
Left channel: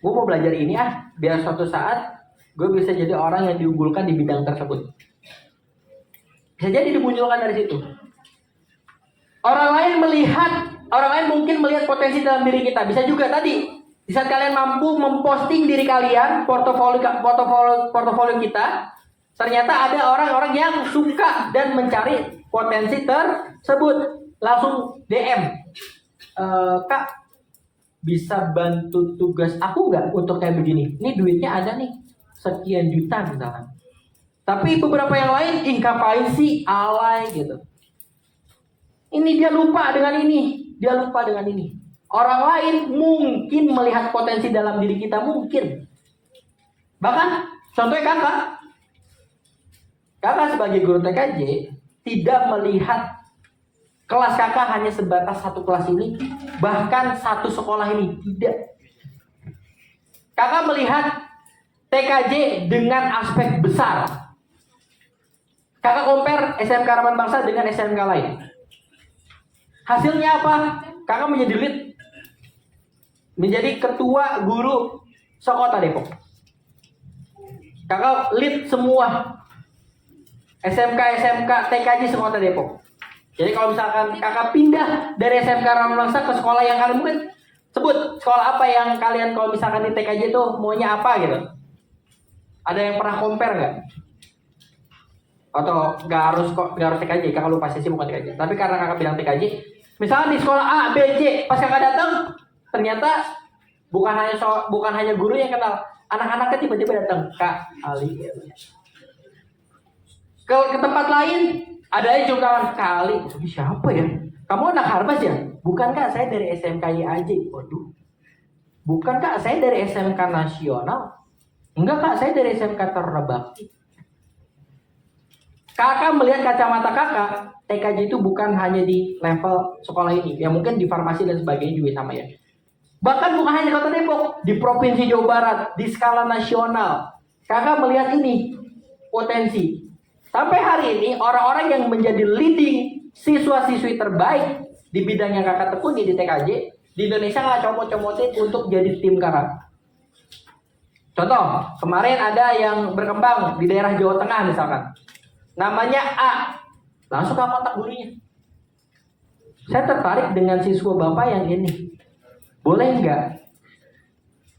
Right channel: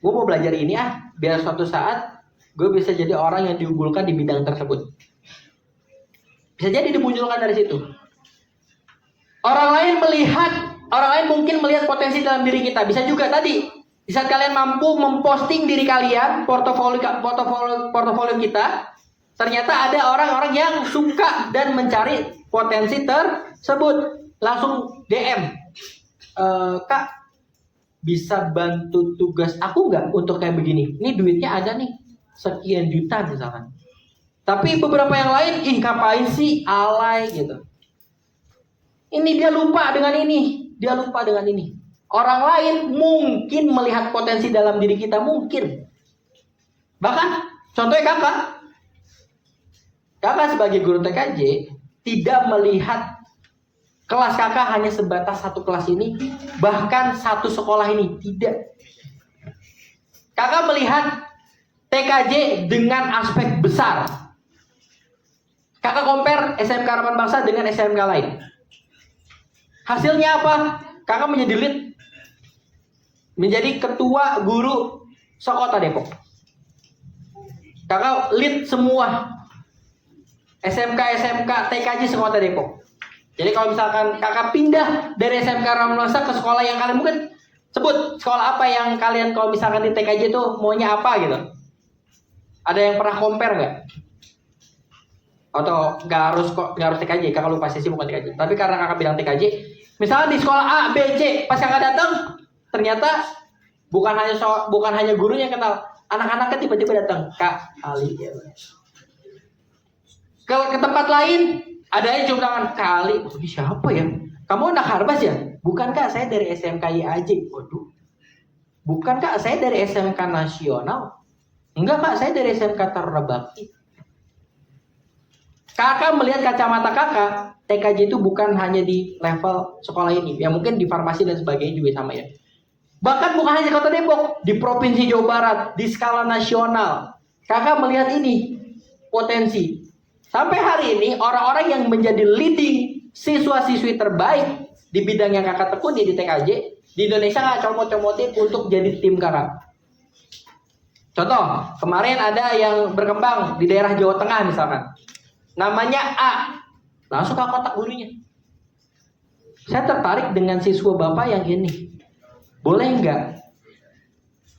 Gue mau belajar ini biar suatu saat gue bisa jadi orang yang diunggulkan di bidang tersebut. Bisa jadi dimunculkan dari situ. Orang lain mungkin melihat potensi dalam diri kita. Bisa juga tadi, di saat kalian mampu memposting diri kalian, portofolio kita, ternyata ada orang-orang yang suka dan mencari potensi tersebut. Langsung DM, Kak, bisa bantu tugas aku nggak untuk kayak begini? Ini duitnya ada nih, sekian juta misalkan. Tapi beberapa yang lain, ngapain sih, alay gitu. Ini dia lupa dengan ini. Orang lain mungkin melihat potensi dalam diri kita, mungkin. Bahkan, contohnya kakak sebagai guru TKJ tidak melihat kelas kakak hanya sebatas satu kelas ini, bahkan satu sekolah ini, tidak. Kakak melihat TKJ dengan aspek besar. Kakak compare SMK Harapan Bangsa dengan SMK lain. Hasilnya apa? Kakak menjadi lead, menjadi ketua guru sekota Depok. Kakak lead semua SMK TKJ sekota Depok. Jadi kalau misalkan kakak pindah dari SMK Harapan Bangsa ke sekolah yang kalian mungkin sebut sekolah apa yang kalian kalau misalkan di TKJ itu maunya apa gitu? Ada yang pernah compare nggak? Atau nggak harus TKJ, kakak lupa sih bukan TKJ. Tapi karena kakak bilang TKJ, misalnya di sekolah A, B, C, pas kakak datang, ternyata bukan hanya gurunya yang kenal, anak-anaknya tiba-tiba datang, Kak Ali. Ke tempat lain, ada yang cium tangan, Kak Ali, ini siapa ya? Kamu anak Harbas ya? Bukan Kak, saya dari SMK IAJ. Waduh. Bukan Kak, saya dari SMK Nasional. Enggak Kak, saya dari SMK Taruna Bakti. Kakak melihat kacamata kakak, TKJ itu bukan hanya di level sekolah ini, ya mungkin di farmasi dan sebagainya juga sama ya. Bahkan bukan hanya di Kota Depok, di Provinsi Jawa Barat, di skala nasional, kakak melihat ini potensi. Sampai hari ini orang-orang yang menjadi leading siswa-siswi terbaik di bidang yang kakak tekuni di TKJ di Indonesia nggak comot-comotin untuk jadi tim kakak. Contoh, kemarin ada yang berkembang di daerah Jawa Tengah misalkan. Namanya A, langsung ke kontak gurunya. Saya tertarik dengan siswa bapak yang ini. Boleh nggak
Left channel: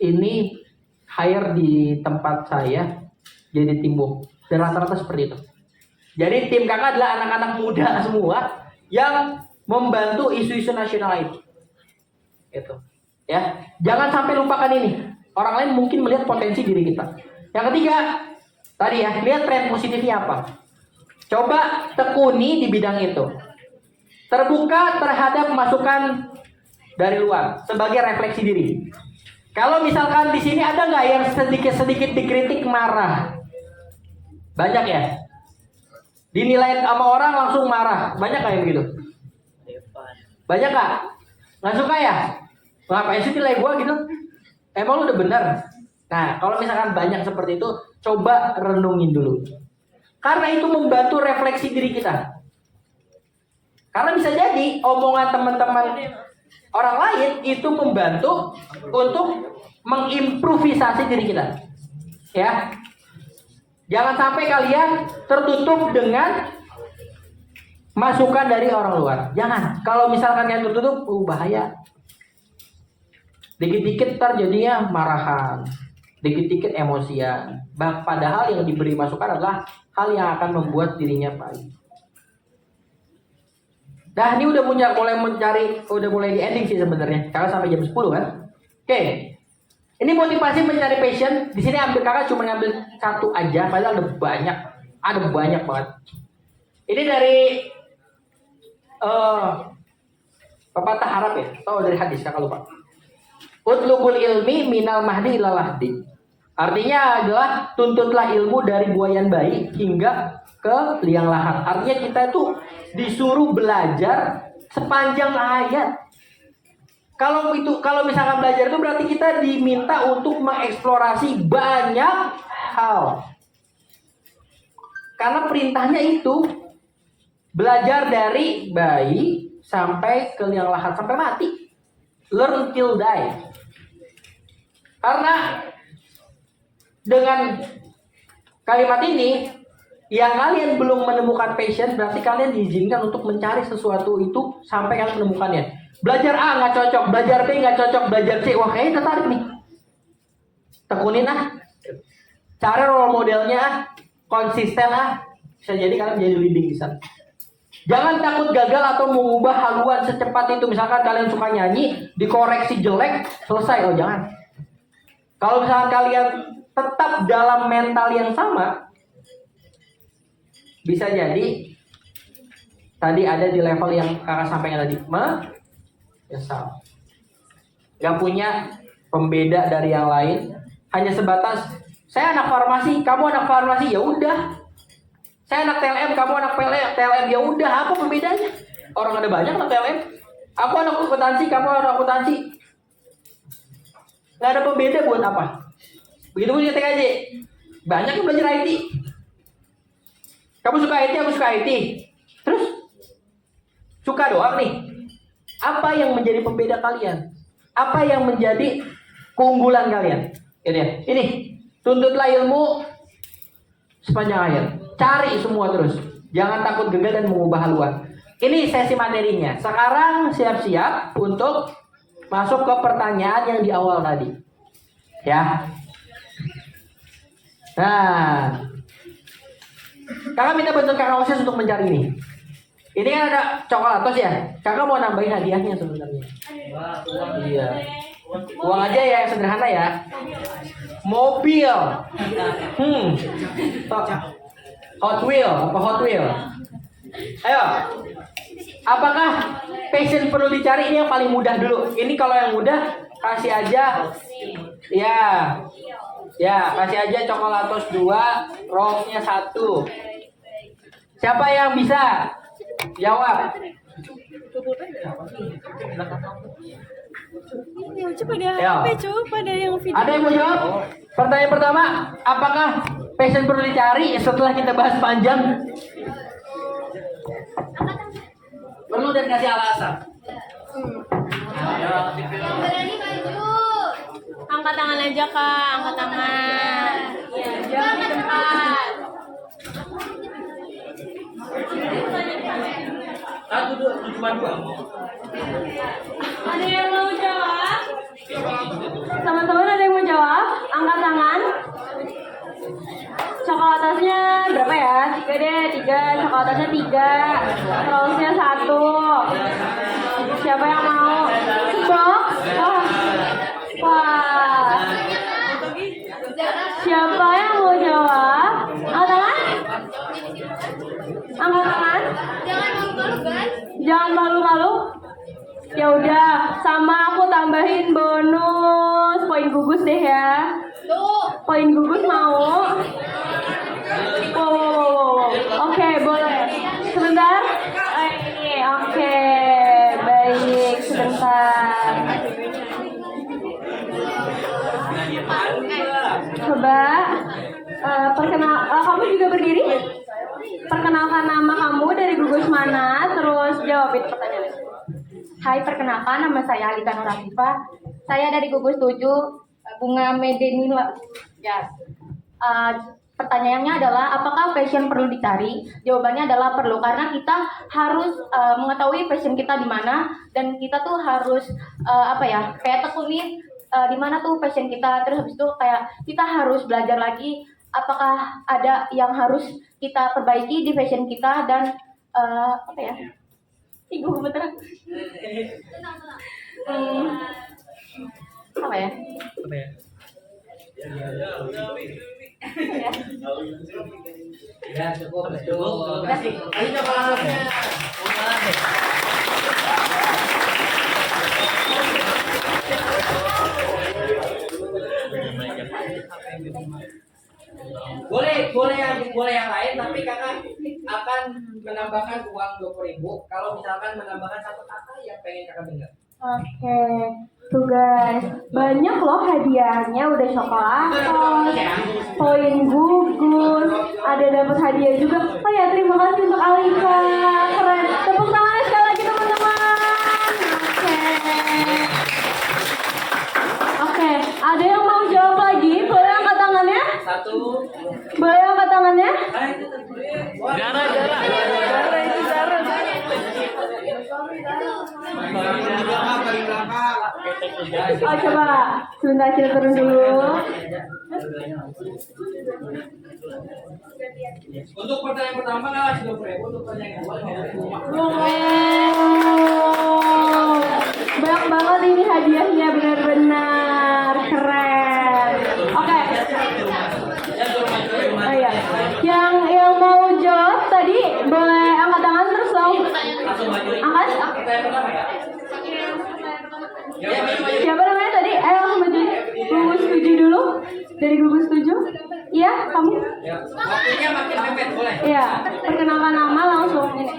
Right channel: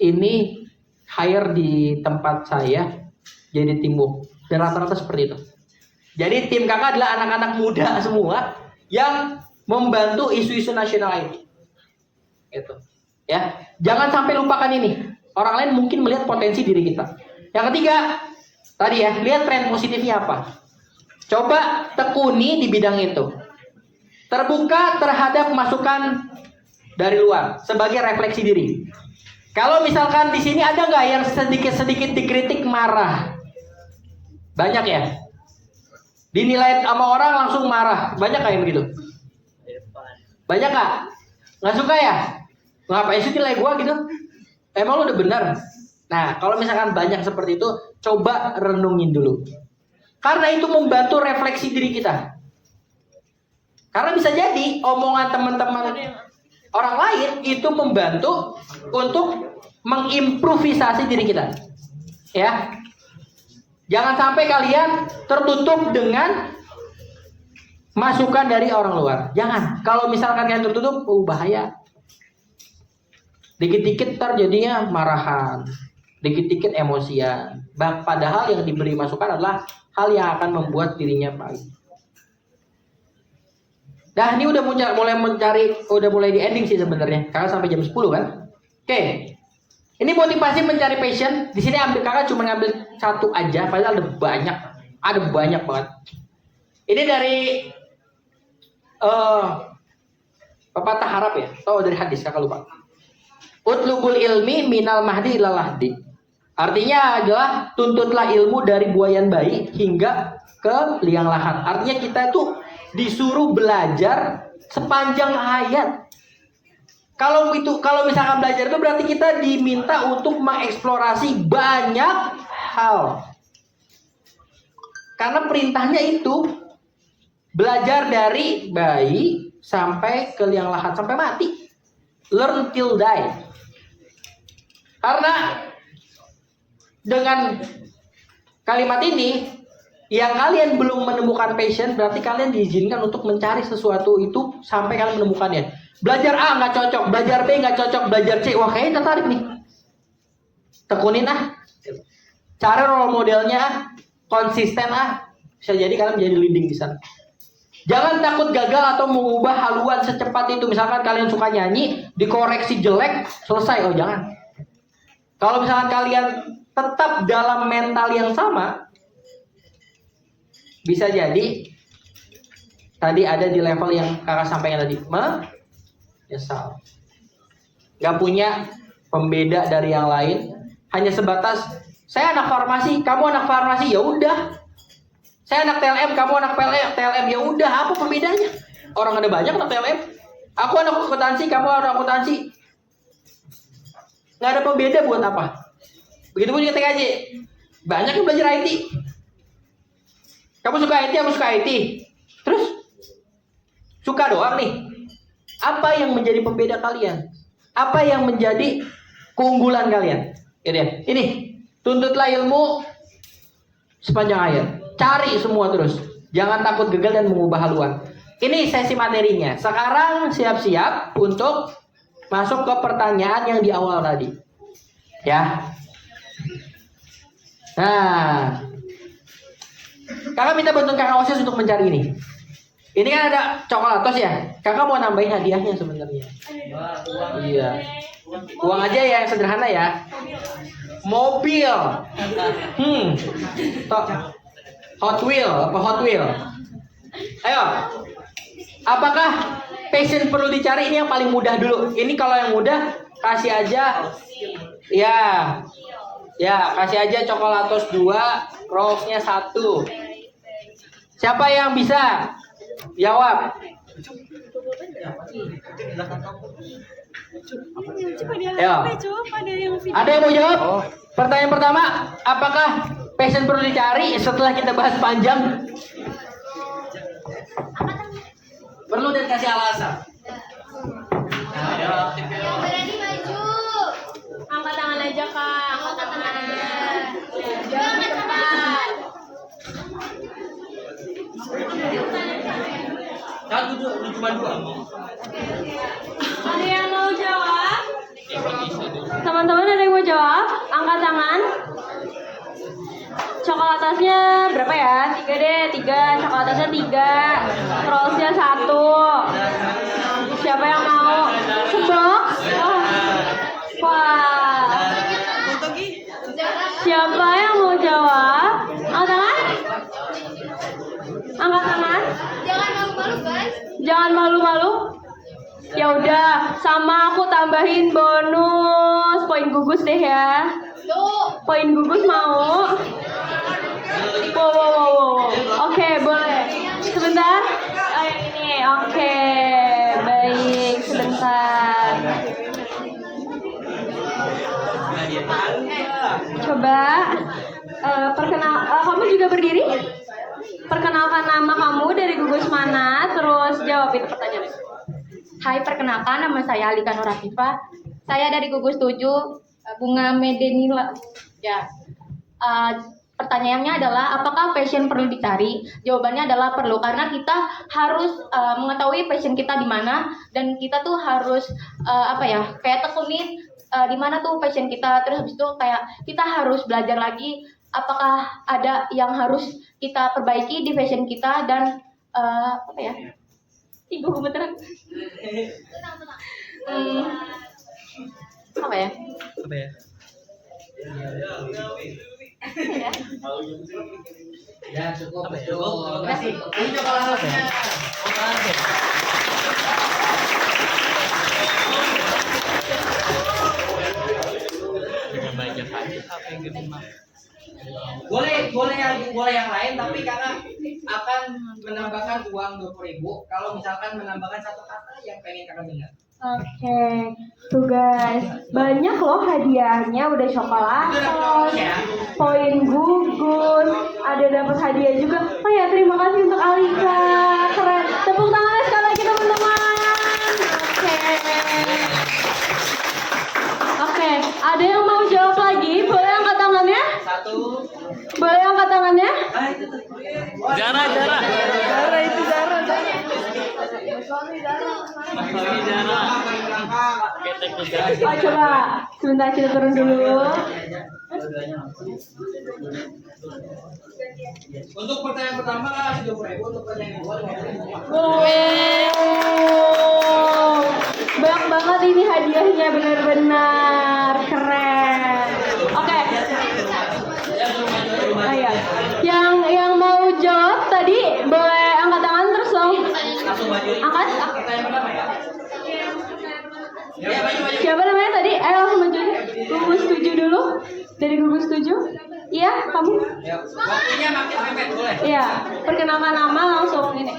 ini hire di tempat saya jadi tim book? Dan rata-rata seperti itu. Jadi tim kakak adalah anak-anak muda semua yang membantu isu-isu nasional itu. Gitu. Ya, jangan sampai lupakan ini. Orang lain mungkin melihat potensi diri kita. Yang ketiga, tadi ya, lihat tren positifnya apa. Coba tekuni di bidang itu. Terbuka terhadap masukan dari luar sebagai refleksi diri. Kalau misalkan di sini ada nggak yang sedikit-sedikit dikritik marah? Banyak ya. Dinilai sama orang langsung marah. Banyak nggak yang begitu? Banyak nggak? Nggak suka ya? Ngapain sih nilai gua gitu? Emang lu udah benar? Nah, kalau misalkan banyak seperti itu, coba renungin dulu. Karena itu membantu refleksi diri kita. Karena bisa jadi omongan teman-teman orang lain itu membantu untuk mengimprovisasi diri kita. Ya. Jangan sampai kalian tertutup dengan masukan dari orang luar. Jangan. Kalau misalkan kalian tertutup, bahaya. Dikit-dikit terjadinya marahan. Dikit-dikit emosian. Padahal yang diberi masukan adalah hal yang akan membuat dirinya baik. Nah, ini udah mulai di ending sih sebenarnya. Kakak sampai jam 10 kan? Oke. Ini motivasi mencari passion. Di sini kakak cuma ngambil satu aja, padahal ada banyak banget. Ini dari pepatah Arab ya, atau dari hadis kakak lupa. Utlubul ilmi minal mahdi ilal lahdi. Artinya adalah tuntutlah ilmu dari buayan bayi hingga ke liang lahat. Artinya kita itu disuruh belajar sepanjang hayat. Kalau misalkan belajar itu berarti kita diminta untuk mengeksplorasi banyak hal. Karena perintahnya itu belajar dari bayi sampai ke liang lahat sampai mati. Learn till die. Karena dengan kalimat ini, yang kalian belum menemukan passion, berarti kalian diizinkan untuk mencari sesuatu itu sampai kalian menemukannya. Belajar A nggak cocok, belajar B nggak cocok, belajar C, wah kayaknya tertarik nih. Tekunin Cara role modelnya konsisten bisa jadi kalian menjadi leading di sana. Jangan takut gagal atau mengubah haluan secepat itu. Misalkan kalian suka nyanyi, dikoreksi jelek, selesai. Oh jangan. Kalau misalkan kalian tetap dalam mental yang sama, bisa jadi tadi ada di level yang kakak sampaikan tadi, menyesal, gak punya pembeda dari yang lain, hanya sebatas saya anak farmasi, kamu anak farmasi, ya udah. Saya anak TLM, kamu anak TLM, ya udah. Apa pembedanya? Orang ada banyak anak TLM. Aku anak akuntansi, kamu anak akuntansi. Nggak ada pembeda buat apa? Begitu pun TKJ. Banyak yang belajar IT. Kamu suka IT, aku suka IT. Terus suka doang nih. Apa yang menjadi pembeda kalian? Apa yang menjadi keunggulan kalian? Ini, tuntutlah ilmu sepanjang hayat. Cari semua terus. Jangan takut gagal dan mengubah haluan. Ini sesi materinya. Sekarang siap-siap untuk masuk ke pertanyaan yang di awal tadi. Ya. Nah, kakak minta bantuan kakak OSIS untuk mencari ini. Ini kan ada coklatos ya. Kakak mau nambahin hadiahnya sebenarnya. Iya. Uang aja ya, yang sederhana ya. Mobil. Hot Wheel. Ayo. Apakah passion perlu dicari? Ini yang paling mudah dulu. Ini kalau yang mudah kasih aja. Ya, kasih aja coklatos 2, Rolls-nya 1. Siapa yang bisa jawab? Ada yang mau jawab? Pertanyaan pertama, apakah passion perlu dicari setelah kita bahas panjang? Perlu dan kasih alasan. Yang berani maju. Angkat tangan aja kak, angkat tangan. Jangan di depan. Cuma 2. Ada yang mau jawab? Teman-teman ada yang mau jawab? Angkat tangan. Coklatasnya berapa ya? 3 deh, 3. Coklatasnya 3. Rollsnya 1. Siapa yang mau? Sebox? Wah. Siapa yang mau jawab? Angkat tangan. Angkat tangan. Jangan malu-malu, guys. Jangan malu-malu. Ya udah, sama aku tambahin bonus poin gugus deh ya. Tuh. Poin gugus mau? Oke, boleh. Sebentar. Ini, oke. Baik, sebentar. Coba kamu juga berdiri. Perkenalkan nama kamu, dari gugus mana, terus jawab itu pertanyaannya. Hai, perkenalkan nama saya Alika Nurafifa. Saya dari gugus 7 Bunga Medenila. Ya. Pertanyaannya adalah apakah passion perlu dicari? Jawabannya adalah perlu, karena kita harus mengetahui passion kita di mana, dan kita tuh harus kayak tekunin di mana tuh passion kita. Terus habis itu kayak kita harus belajar lagi apakah ada yang harus kita perbaiki di passion kita, dan Ibu beneran. Tenang. Apa ya? Ya cukup. Kasih. Ini coklatasnya. boleh yang lain, tapi karena akan menambahkan uang 20.000 kalau misalkan menambahkan satu kata yang pengen kakak dengar. Oke, tuh guys, banyak loh hadiahnya, udah coklat, poin gugus, ada dapat hadiah juga. Oh ya, terima kasih untuk Alika, keren. Tepuk tangan sekali lagi teman-teman. Oke, ada yang mau jawab lagi? Boleh angkat tangannya? Satu. Boleh angkat tangannya? Zara. Oh coba, sebentar kita turun dulu. Untuk pertanyaan pertama kasih 20.000, untuk pertanyaan kedua 50.000. Wow, banyak banget ini hadiahnya, benar-benar keren. Oke. Oh, iya. Yang mau jawab tadi boleh angkat tangan terus dong. Angkat. Siapa namanya tadi? Langsung maju deh. Gugus 7 dulu. Dari gugus 7. Iya, kamu. Waktunya makin mepet boleh. Iya, perkenalkan nama langsung ini.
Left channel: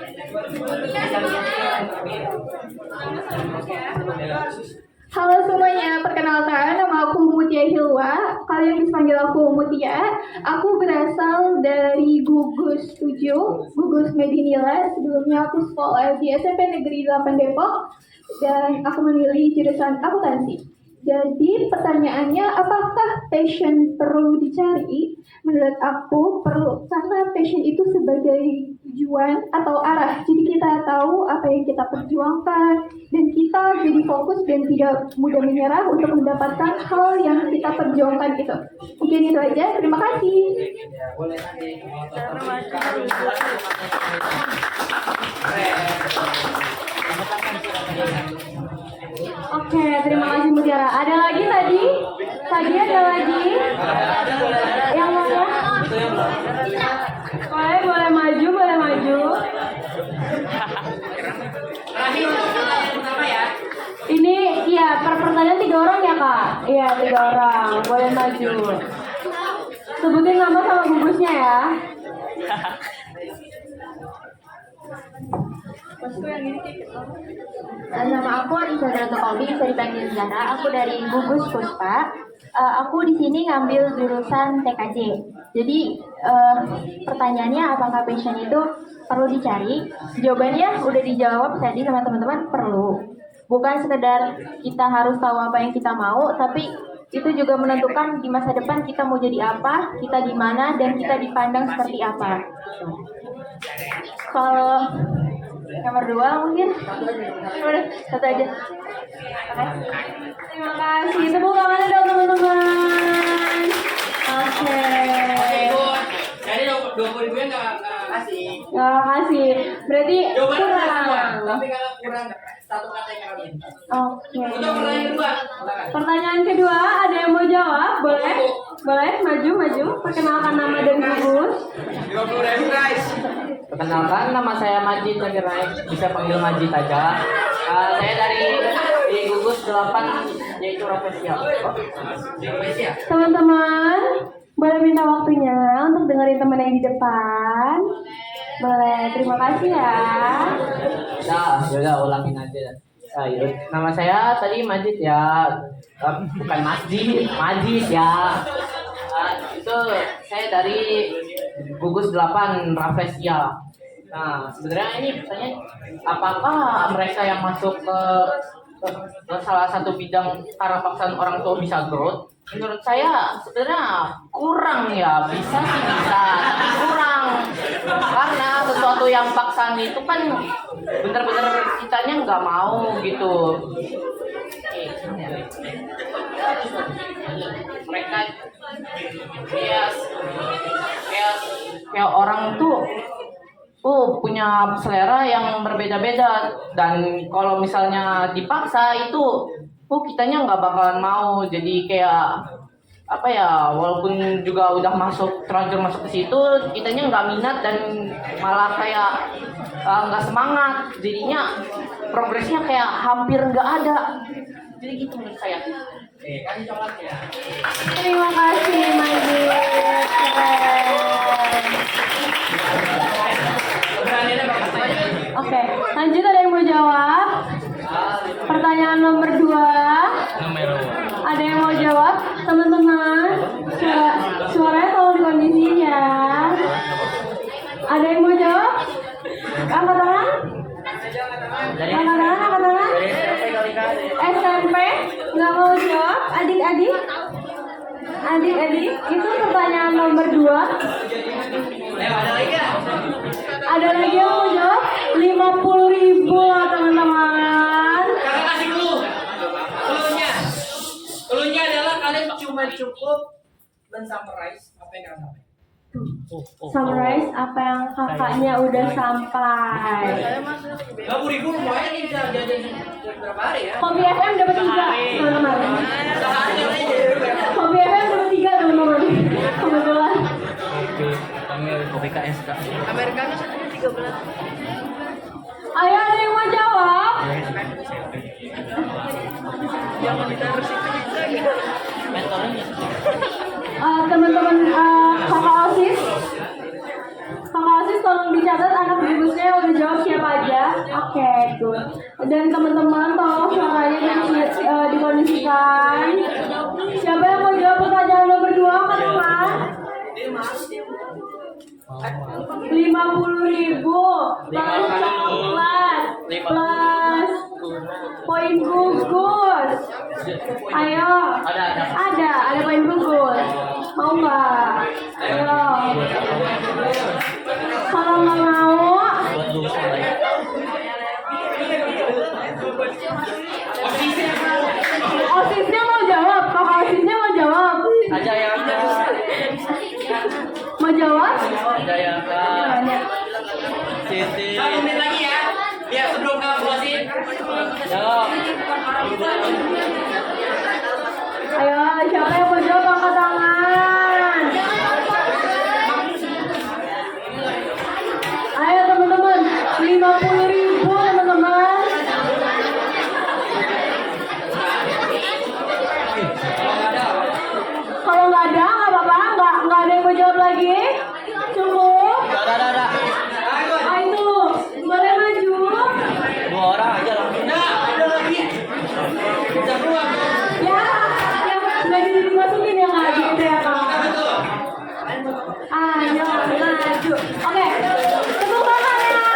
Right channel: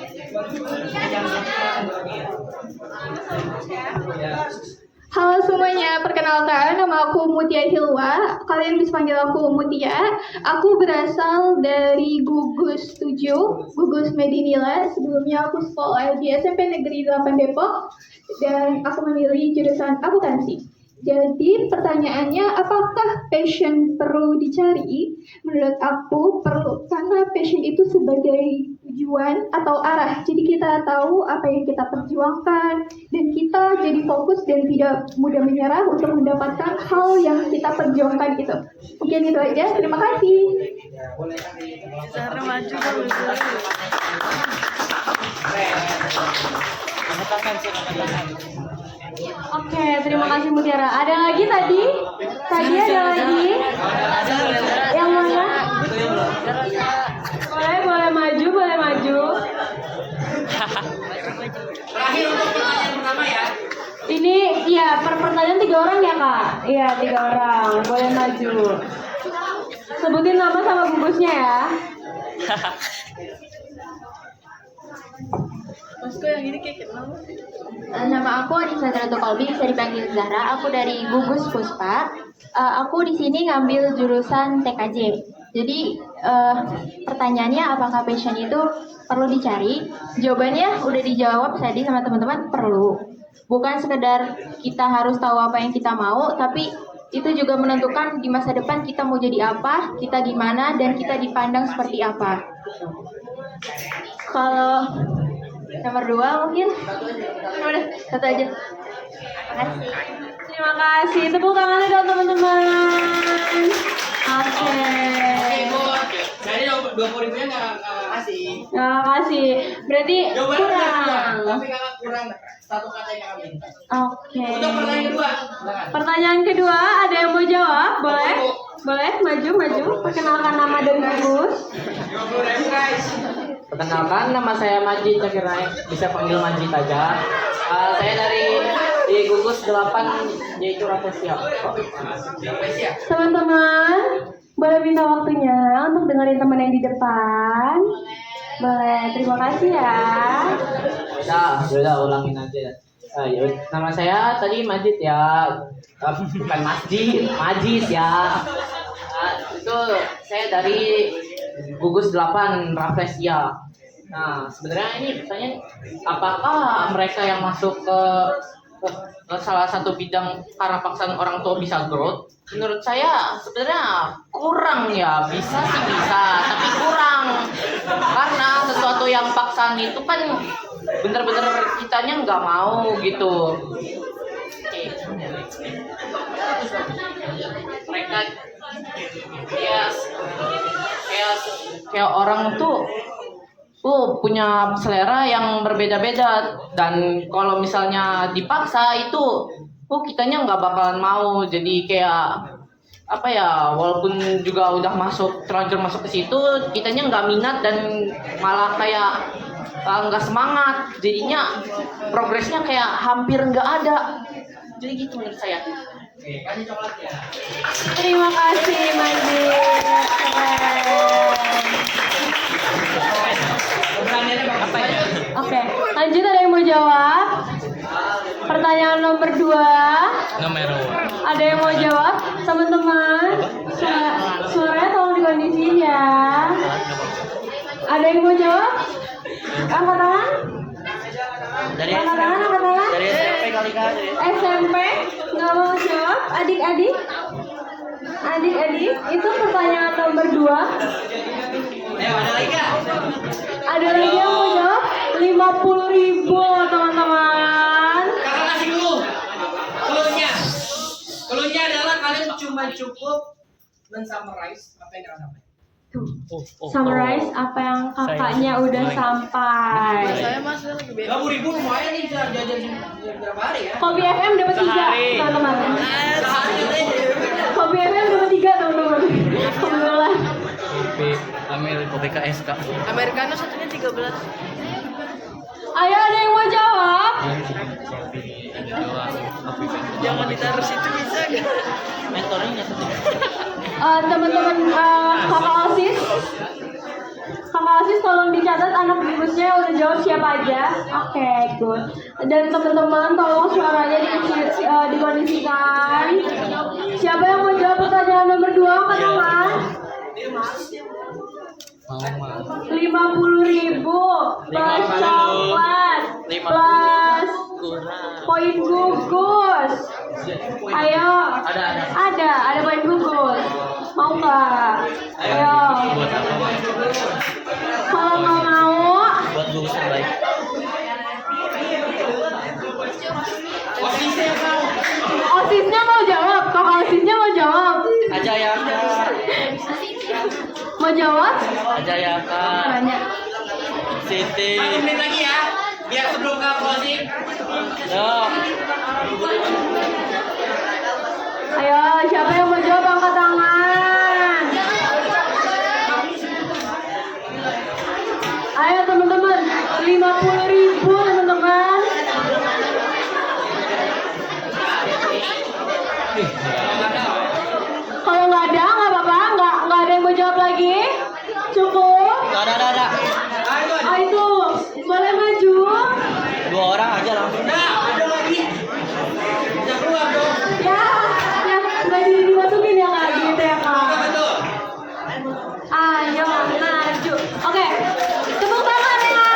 Halo semuanya, perkenalkan nama aku Mutia Hilwa. Kalian bisa panggil aku Mutia. Aku berasal dari Gugus 7, Gugus Medinila. Sebelumnya aku sekolah di SMP Negeri 8 Depok dan aku memilih jurusan akuntansi. Jadi pertanyaannya, apakah passion perlu dicari? Menurut aku perlu, karena passion itu sebagai tujuan atau arah. Jadi kita tahu apa yang kita perjuangkan dan kita jadi fokus dan tidak mudah menyerah untuk mendapatkan hal yang kita perjuangkan itu. Mungkin itu aja. Terima kasih. Oke, terima kasih Mutiara. Ada lagi tadi? Tadi ada lagi? Yang mana? Boleh maju, boleh maju. Ini ya per pertanyaan 3 orang ya kak? Iya 3 orang, boleh maju. Sebutin nama sama gugusnya ya. Bosku yang ini kayak Nama aku Adisandra Tokolbi, bisa dipanggil Zara. Aku dari Gugus Puspa. Aku di sini ngambil jurusan TKJ. Jadi pertanyaannya apakah passion itu perlu dicari? Jawabannya udah dijawab tadi sama teman-teman, perlu. Bukan sekedar kita harus tahu apa yang kita mau, tapi itu juga menentukan di masa depan kita mau jadi apa, kita di mana, dan kita dipandang seperti apa. Kalau nomor 2 mungkin udah satu aja. Terima kasih. Tepuk tangan dong teman-teman. Oke. Jadi 20.000-nya nggak kasih. Nggak kasih. Berarti Jawabannya kurang. kurang, tapi kakak kurang satu kata yang kakak minta. Oke. Untuk pertanyaan kedua, silakan. Pertanyaan kedua, ada yang mau jawab? Boleh? Boleh, maju. Perkenalkan nama dan gugus. 50.000 guys. Perkenalkan, nama saya Majid Zakirai, bisa panggil Majid aja. Saya dari gugus 8 yaitu Raffesia. Teman-teman, boleh minta waktunya untuk dengerin teman yang di depan? Boleh, terima kasih ya. Udah ulangin aja. Nama saya tadi Majid ya, bukan Majid ya. Itu saya dari gugus 8 Raffesia. Nah, sebenarnya ini pertanyaan, apakah mereka yang masuk ke salah satu bidang karena paksaan orang tua bisa growth? Menurut saya sebenarnya kurang ya, bisa sih bisa, tapi kurang. Karena sesuatu yang paksaan itu kan bener-bener kitanya nggak mau gitu. Mereka kayak orang tuh punya selera yang berbeda-beda, dan kalau misalnya dipaksa itu kitanya nggak bakalan mau. Jadi kayak apa ya, walaupun juga udah terlanjur masuk ke situ, kitanya nggak minat dan malah kayak nggak semangat, jadinya progresnya kayak hampir nggak ada. Jadi gitu menurut saya. kasih coklatnya. Terima kasih Majid. Pertanyaannya bagus aja. Oke, lanjut ada yang mau jawab? Pertanyaan nomor 2. Ada yang mau jawab? Teman-teman, suaranya tolong dikondisiin ya. Ada yang mau jawab? Angkat tangan. Dari Angkat tangan, angkat tangan. dari SMP kali-kali. SMP nggak mau jawab? Adik-adik? Adik-adik, itu pertanyaan nomor 2. Ayo ada lagi nggak? Ada lagi yang mau jawab? 50.000 teman-teman. Kakak kasih clue. Clue-nya. Clue-nya adalah kalian cuma cukup men-summarize apa yang kalian sampaikan. Summarize apa yang kakaknya udah sampai. 50.000 lumayan nih bisa jajan berapa hari ya? Kopi FM dapat 3 teman-teman. Sehari aja. Kopi FM dapat 3 teman-teman. Kebetulan. BKSK. Americano satunya 13. Ayo ada yang mau jawab? Jangan ditaruh situ bisa ya. Teman-teman kakak Asis, tolong dicatat anak bungkusnya udah jawab siapa aja. Oke, good. Dan teman-teman tolong suaranya dikondisikan. Siapa yang mau jawab pertanyaan nomor 2, teman-teman? 50.000 plus coklat plus poin gugus. Ayo. Ada poin gugus. Mau nggak? Ayo. Kalau nggak mau, osisnya mau jawab. Kakak osisnya mau jawab. Aja ya kak. Mau jawab? Aja ya kak. Tanya. Siti. 1 menit lagi ya. Ya sebelum kamu kasih. Yo. Ayo, siapa yang mau jawab angkat tangan. Ayo teman-teman, 50.000 teman-teman. Kalau nggak ada nggak apa-apa, nggak ada yang mau jawab lagi. Cukup. Ada. Ah, itu boleh maju. 2 orang aja langsung. Nah, ada lagi. Bisa keluar dong. Ya, nggak dimasukin ya kak, gitu ya kak. Betul. Ayo maju. Oke, tepuk tangan ya.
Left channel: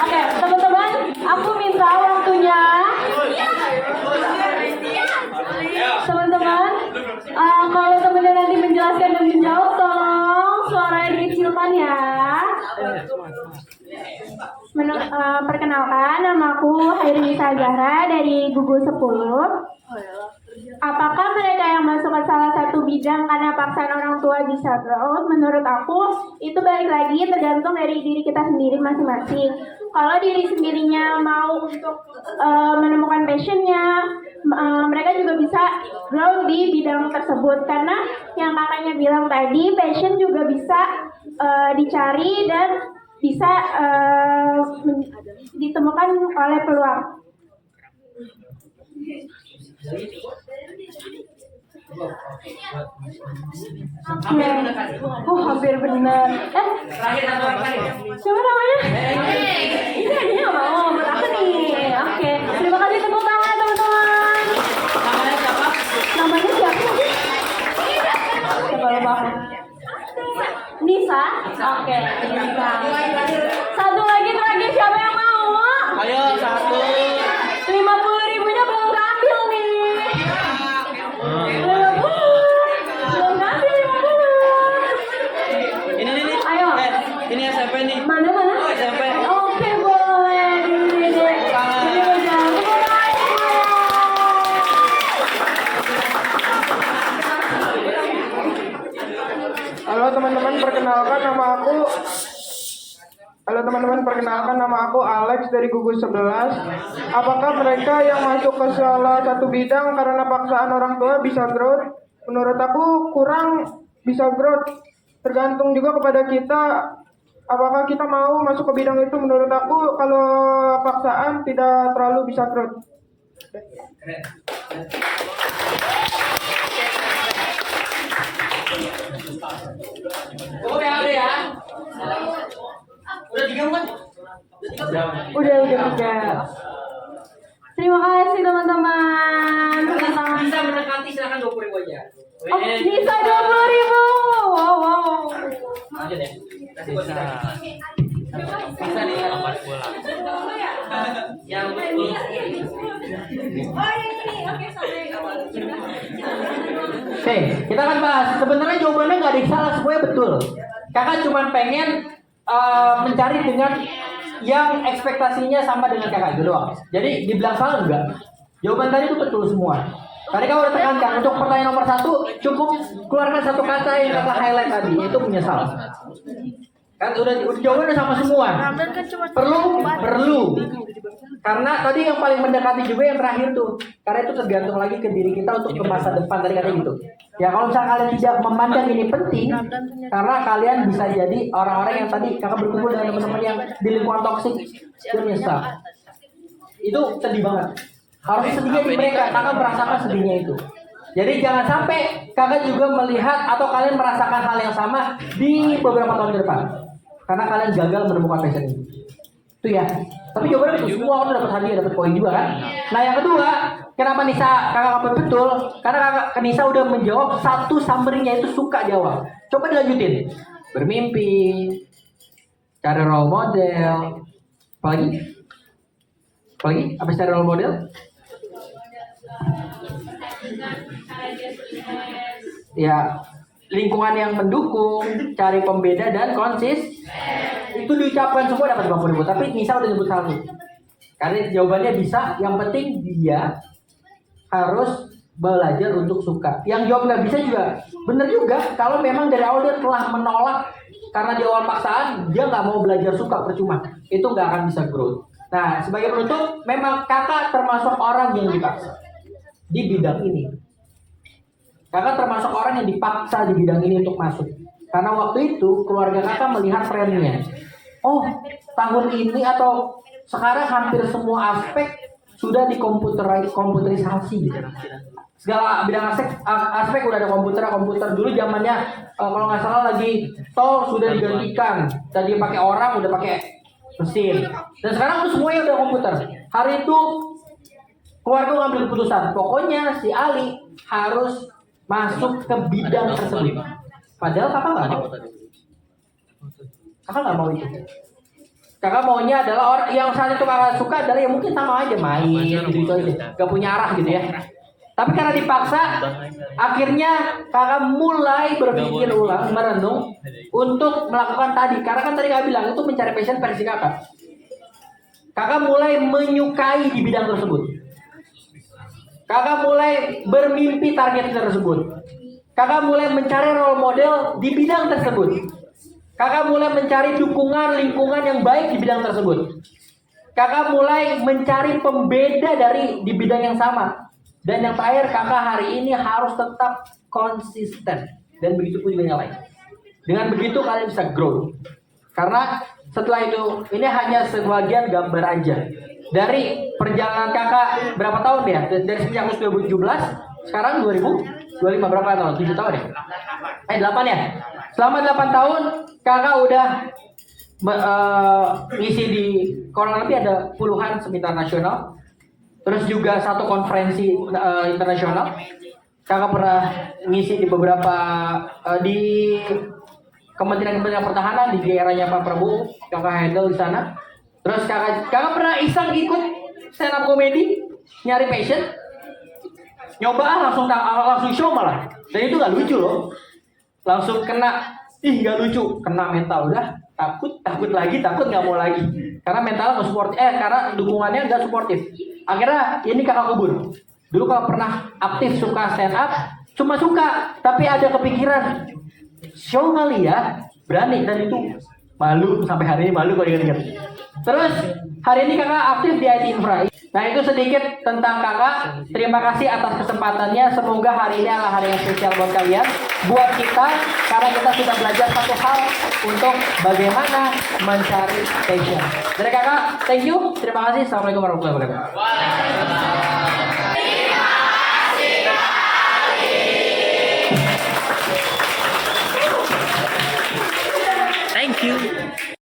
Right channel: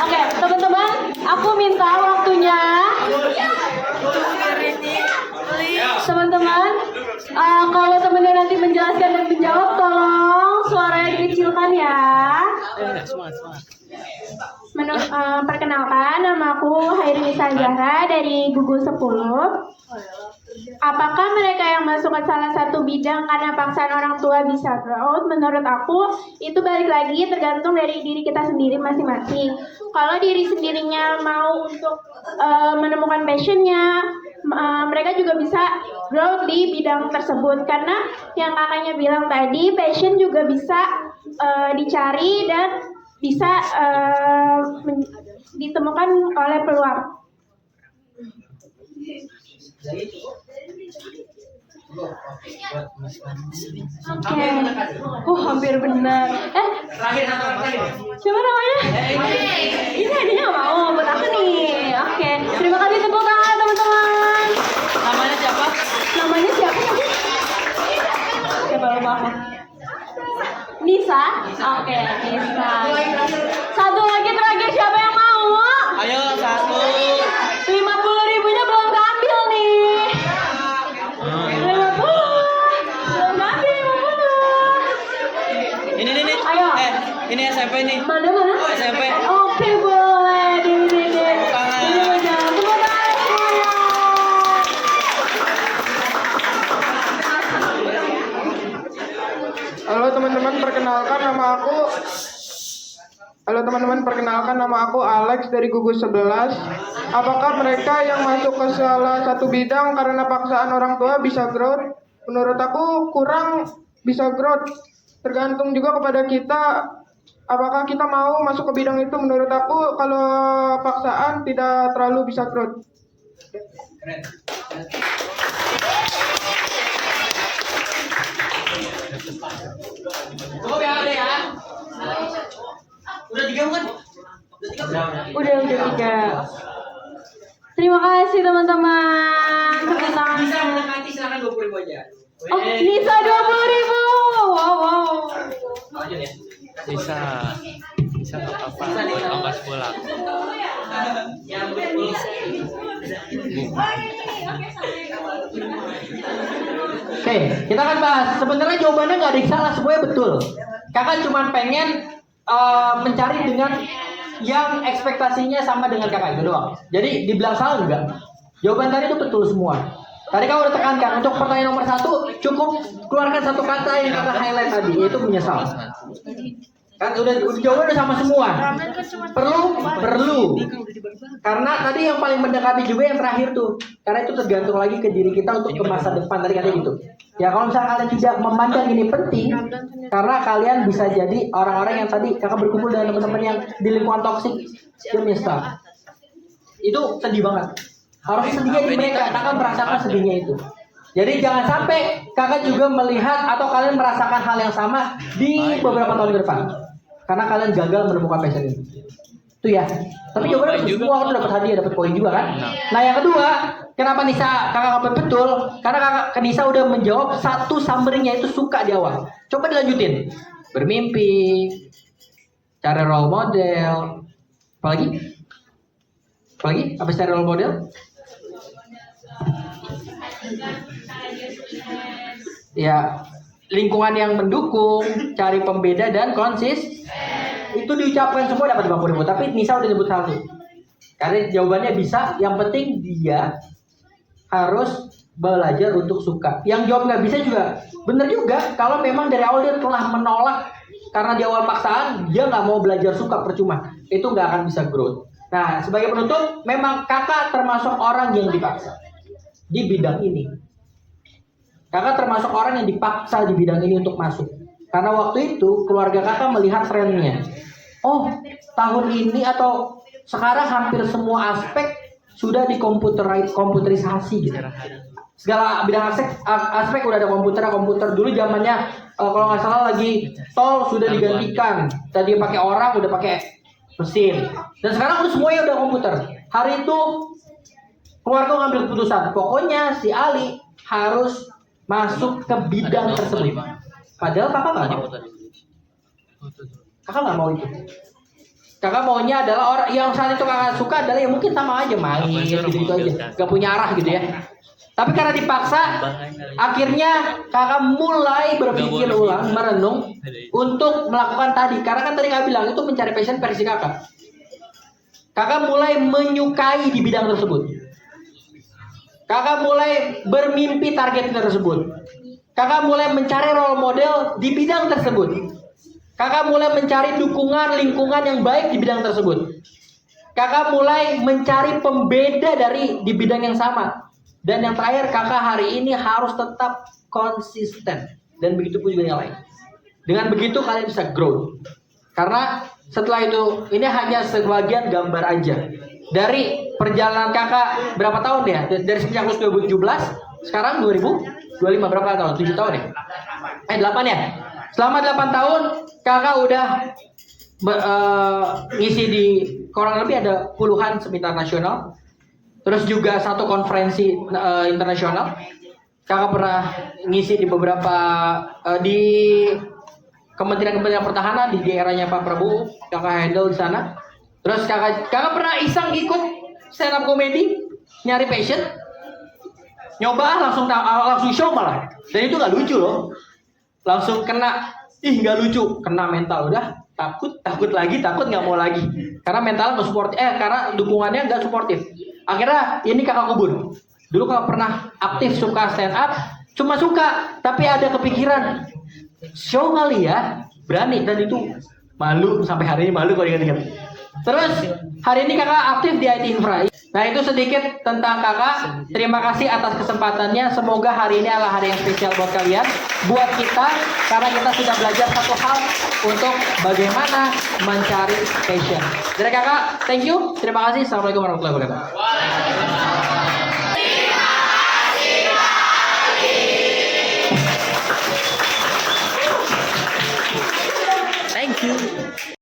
Oke, teman-teman, aku minta waktunya. Teman-teman, kalau teman-teman nanti menjelaskan dan menjawab, tolong suaranya dikecilkan ya. Perkenalkan, nama aku Hairi Zahra dari Gugus 10. Apakah mereka yang masuk ke salah satu bidang karena paksaan orang tua bisa growth? Menurut aku, itu balik lagi tergantung dari diri kita sendiri masing-masing. Kalau diri sendirinya mau untuk menemukan passionnya, mereka juga bisa grow di bidang tersebut. Karena yang kakaknya bilang tadi, passion juga bisa dicari dan bisa ditemukan oleh peluang. Oke. Hampir benar. Terakhir satu orang lagi. Siapa namanya? Ini adanya mau buat apa nih? Oke. Terima kasih tepuk tangan teman-teman. Namanya siapa? Namanya siapa sih? Coba lupa. Nisa. Oke, Nisa. Satu lagi terakhir, siapa yang mau? Ayo 1. 50.000-nya belum keambil nih. 50. Belum keambil 50. Ini. Ayo. Ini SMP nih. Mana? Oh, SMP. Oke, boleh. Ini Halo teman-teman, perkenalkan nama aku Alex dari Gugus 11. Apakah mereka yang masuk ke salah satu bidang karena paksaan orang tua bisa growth? Menurut aku kurang bisa growth. Tergantung juga kepada kita Apakah kita mau masuk ke bidang itu? Menurut aku kalau paksaan tidak terlalu bisa growth. Cukup ya, udah ya. Udah 3 bukan? Udah 3. Terima kasih teman-teman. Tepuk tangan. Bisa mendekati silakan 20.000 aja. Oh, bisa 20.000. Wow. Lanjut ya. Bisa. Bisa nih lepas bola. Yang betul. Oke, kita akan bahas. Sebenarnya jawabannya nggak ada yang salah, semuanya betul. Kakak cuma pengen mencari dengan yang ekspektasinya sama dengan kakak itu doang. Jadi dibilang salah enggak? Jawaban tadi itu betul semua. Tadi kamu udah tekankan untuk pertanyaan nomor 1 cukup keluarkan satu kata yang kakak highlight tadi, yaitu menyesal. Kan udah jawaban udah sama semua. Perlu. Karena tadi yang paling mendekati juga yang terakhir tuh. Karena itu tergantung lagi ke diri kita untuk ke masa depan tadi katanya gitu. Ya kalau misalnya kalian tidak memandang ini penting, karena kalian bisa jadi orang-orang yang tadi kakak berkumpul dengan teman-teman yang di lingkungan toksik, dia menyesal. Itu sedih banget. Harus sedihnya di mereka, kakak merasakan sedihnya itu. Jadi jangan sampai kakak juga melihat atau kalian merasakan hal yang sama di beberapa tahun ke depan. Karena kalian gagal menemukan passion ini. Itu ya. Tapi jawabannya semua orang dapat hadiah, dapat poin juga kan. Nah yang kedua, kenapa Nisa kakak apa betul? Karena kakak Nisa udah menjawab satu summary-nya itu suka di awal. Coba dilanjutin. Bermimpi, cari role model, apalagi? Apa cari role model? Ya, lingkungan yang mendukung, cari pembeda dan konsis. Itu diucapkan semua dapat 50.000, tapi Nisa udah nyebut satu. Karena jawabannya bisa, yang penting dia harus belajar untuk suka. Yang jawab nggak bisa juga, bener juga. Kalau memang dari awal dia telah menolak karena di awal paksaan, dia nggak mau belajar suka, percuma. Itu nggak akan bisa growth. Nah, sebagai penutup, memang kakak termasuk orang yang dipaksa di bidang ini. Kakak termasuk orang yang dipaksa di bidang ini untuk masuk. Karena waktu itu keluarga kakak melihat trennya. Oh, tahun ini atau sekarang hampir semua aspek sudah komputerisasi gitu. Segala bidang aspek udah ada komputer. Dulu zamannya kalau nggak salah lagi tol sudah digantikan. Tadi pakai orang udah pakai mesin. Dan sekarang tuh semuanya udah komputer. Hari itu keluarga ngambil keputusan. Pokoknya si Ali harus masuk ke bidang tersebut. Padahal kakak nggak mau. Kakak nggak mau itu. Kakak maunya adalah orang yang saat itu kakak suka adalah yang mungkin sama aja main gitu aja, gak punya arah gitu ya. Tapi karena dipaksa, akhirnya kakak mulai berpikir ulang, merenung untuk melakukan tadi. Karena kan tadi kakak bilang itu mencari passion versi kakak. Kakak mulai menyukai di bidang tersebut. Kakak mulai bermimpi target tersebut. Kakak mulai mencari role model di bidang tersebut. Kakak mulai mencari dukungan lingkungan yang baik di bidang tersebut. Kakak mulai mencari pembeda di bidang yang sama. Dan yang terakhir, kakak hari ini harus tetap konsisten. Dan begitu pun juga yang lain. Dengan begitu kalian bisa grow. Karena setelah itu, ini hanya sebagian gambar aja. Dari perjalanan kakak berapa tahun ya? Dari sejak 2017, sekarang 2025 berapa tahun? 7 tahun ya? 8 ya? Selama 8 tahun kakak udah ngisi di kurang lebih ada puluhan seminar nasional. Terus juga satu konferensi internasional. Kakak pernah ngisi di beberapa di Kementerian Pertahanan di eranya Pak Prabowo. Kakak handle di sana. Terus kakak pernah iseng ikut stand up comedy, nyari passion, nyoba langsung show malah. Dan itu gak lucu loh. Langsung kena, nggak lucu, kena mental udah takut nggak mau lagi karena mental nggak support, karena dukungannya nggak suportif. Akhirnya ini kakak kubur. Dulu kakak pernah aktif suka stand up, cuma suka, tapi ada kepikiran show kali ya, berani, dan itu malu sampai hari ini, malu kalau ingat-ingat. Terus hari ini kakak aktif di IT Infra. Nah itu sedikit tentang kakak. Terima kasih atas kesempatannya. Semoga hari ini adalah hari yang spesial buat kalian, buat kita, karena kita sudah belajar satu hal untuk bagaimana mencari passion. Dari kakak, thank you. Terima kasih. Assalamualaikum warahmatullahi wabarakatuh. Thank you.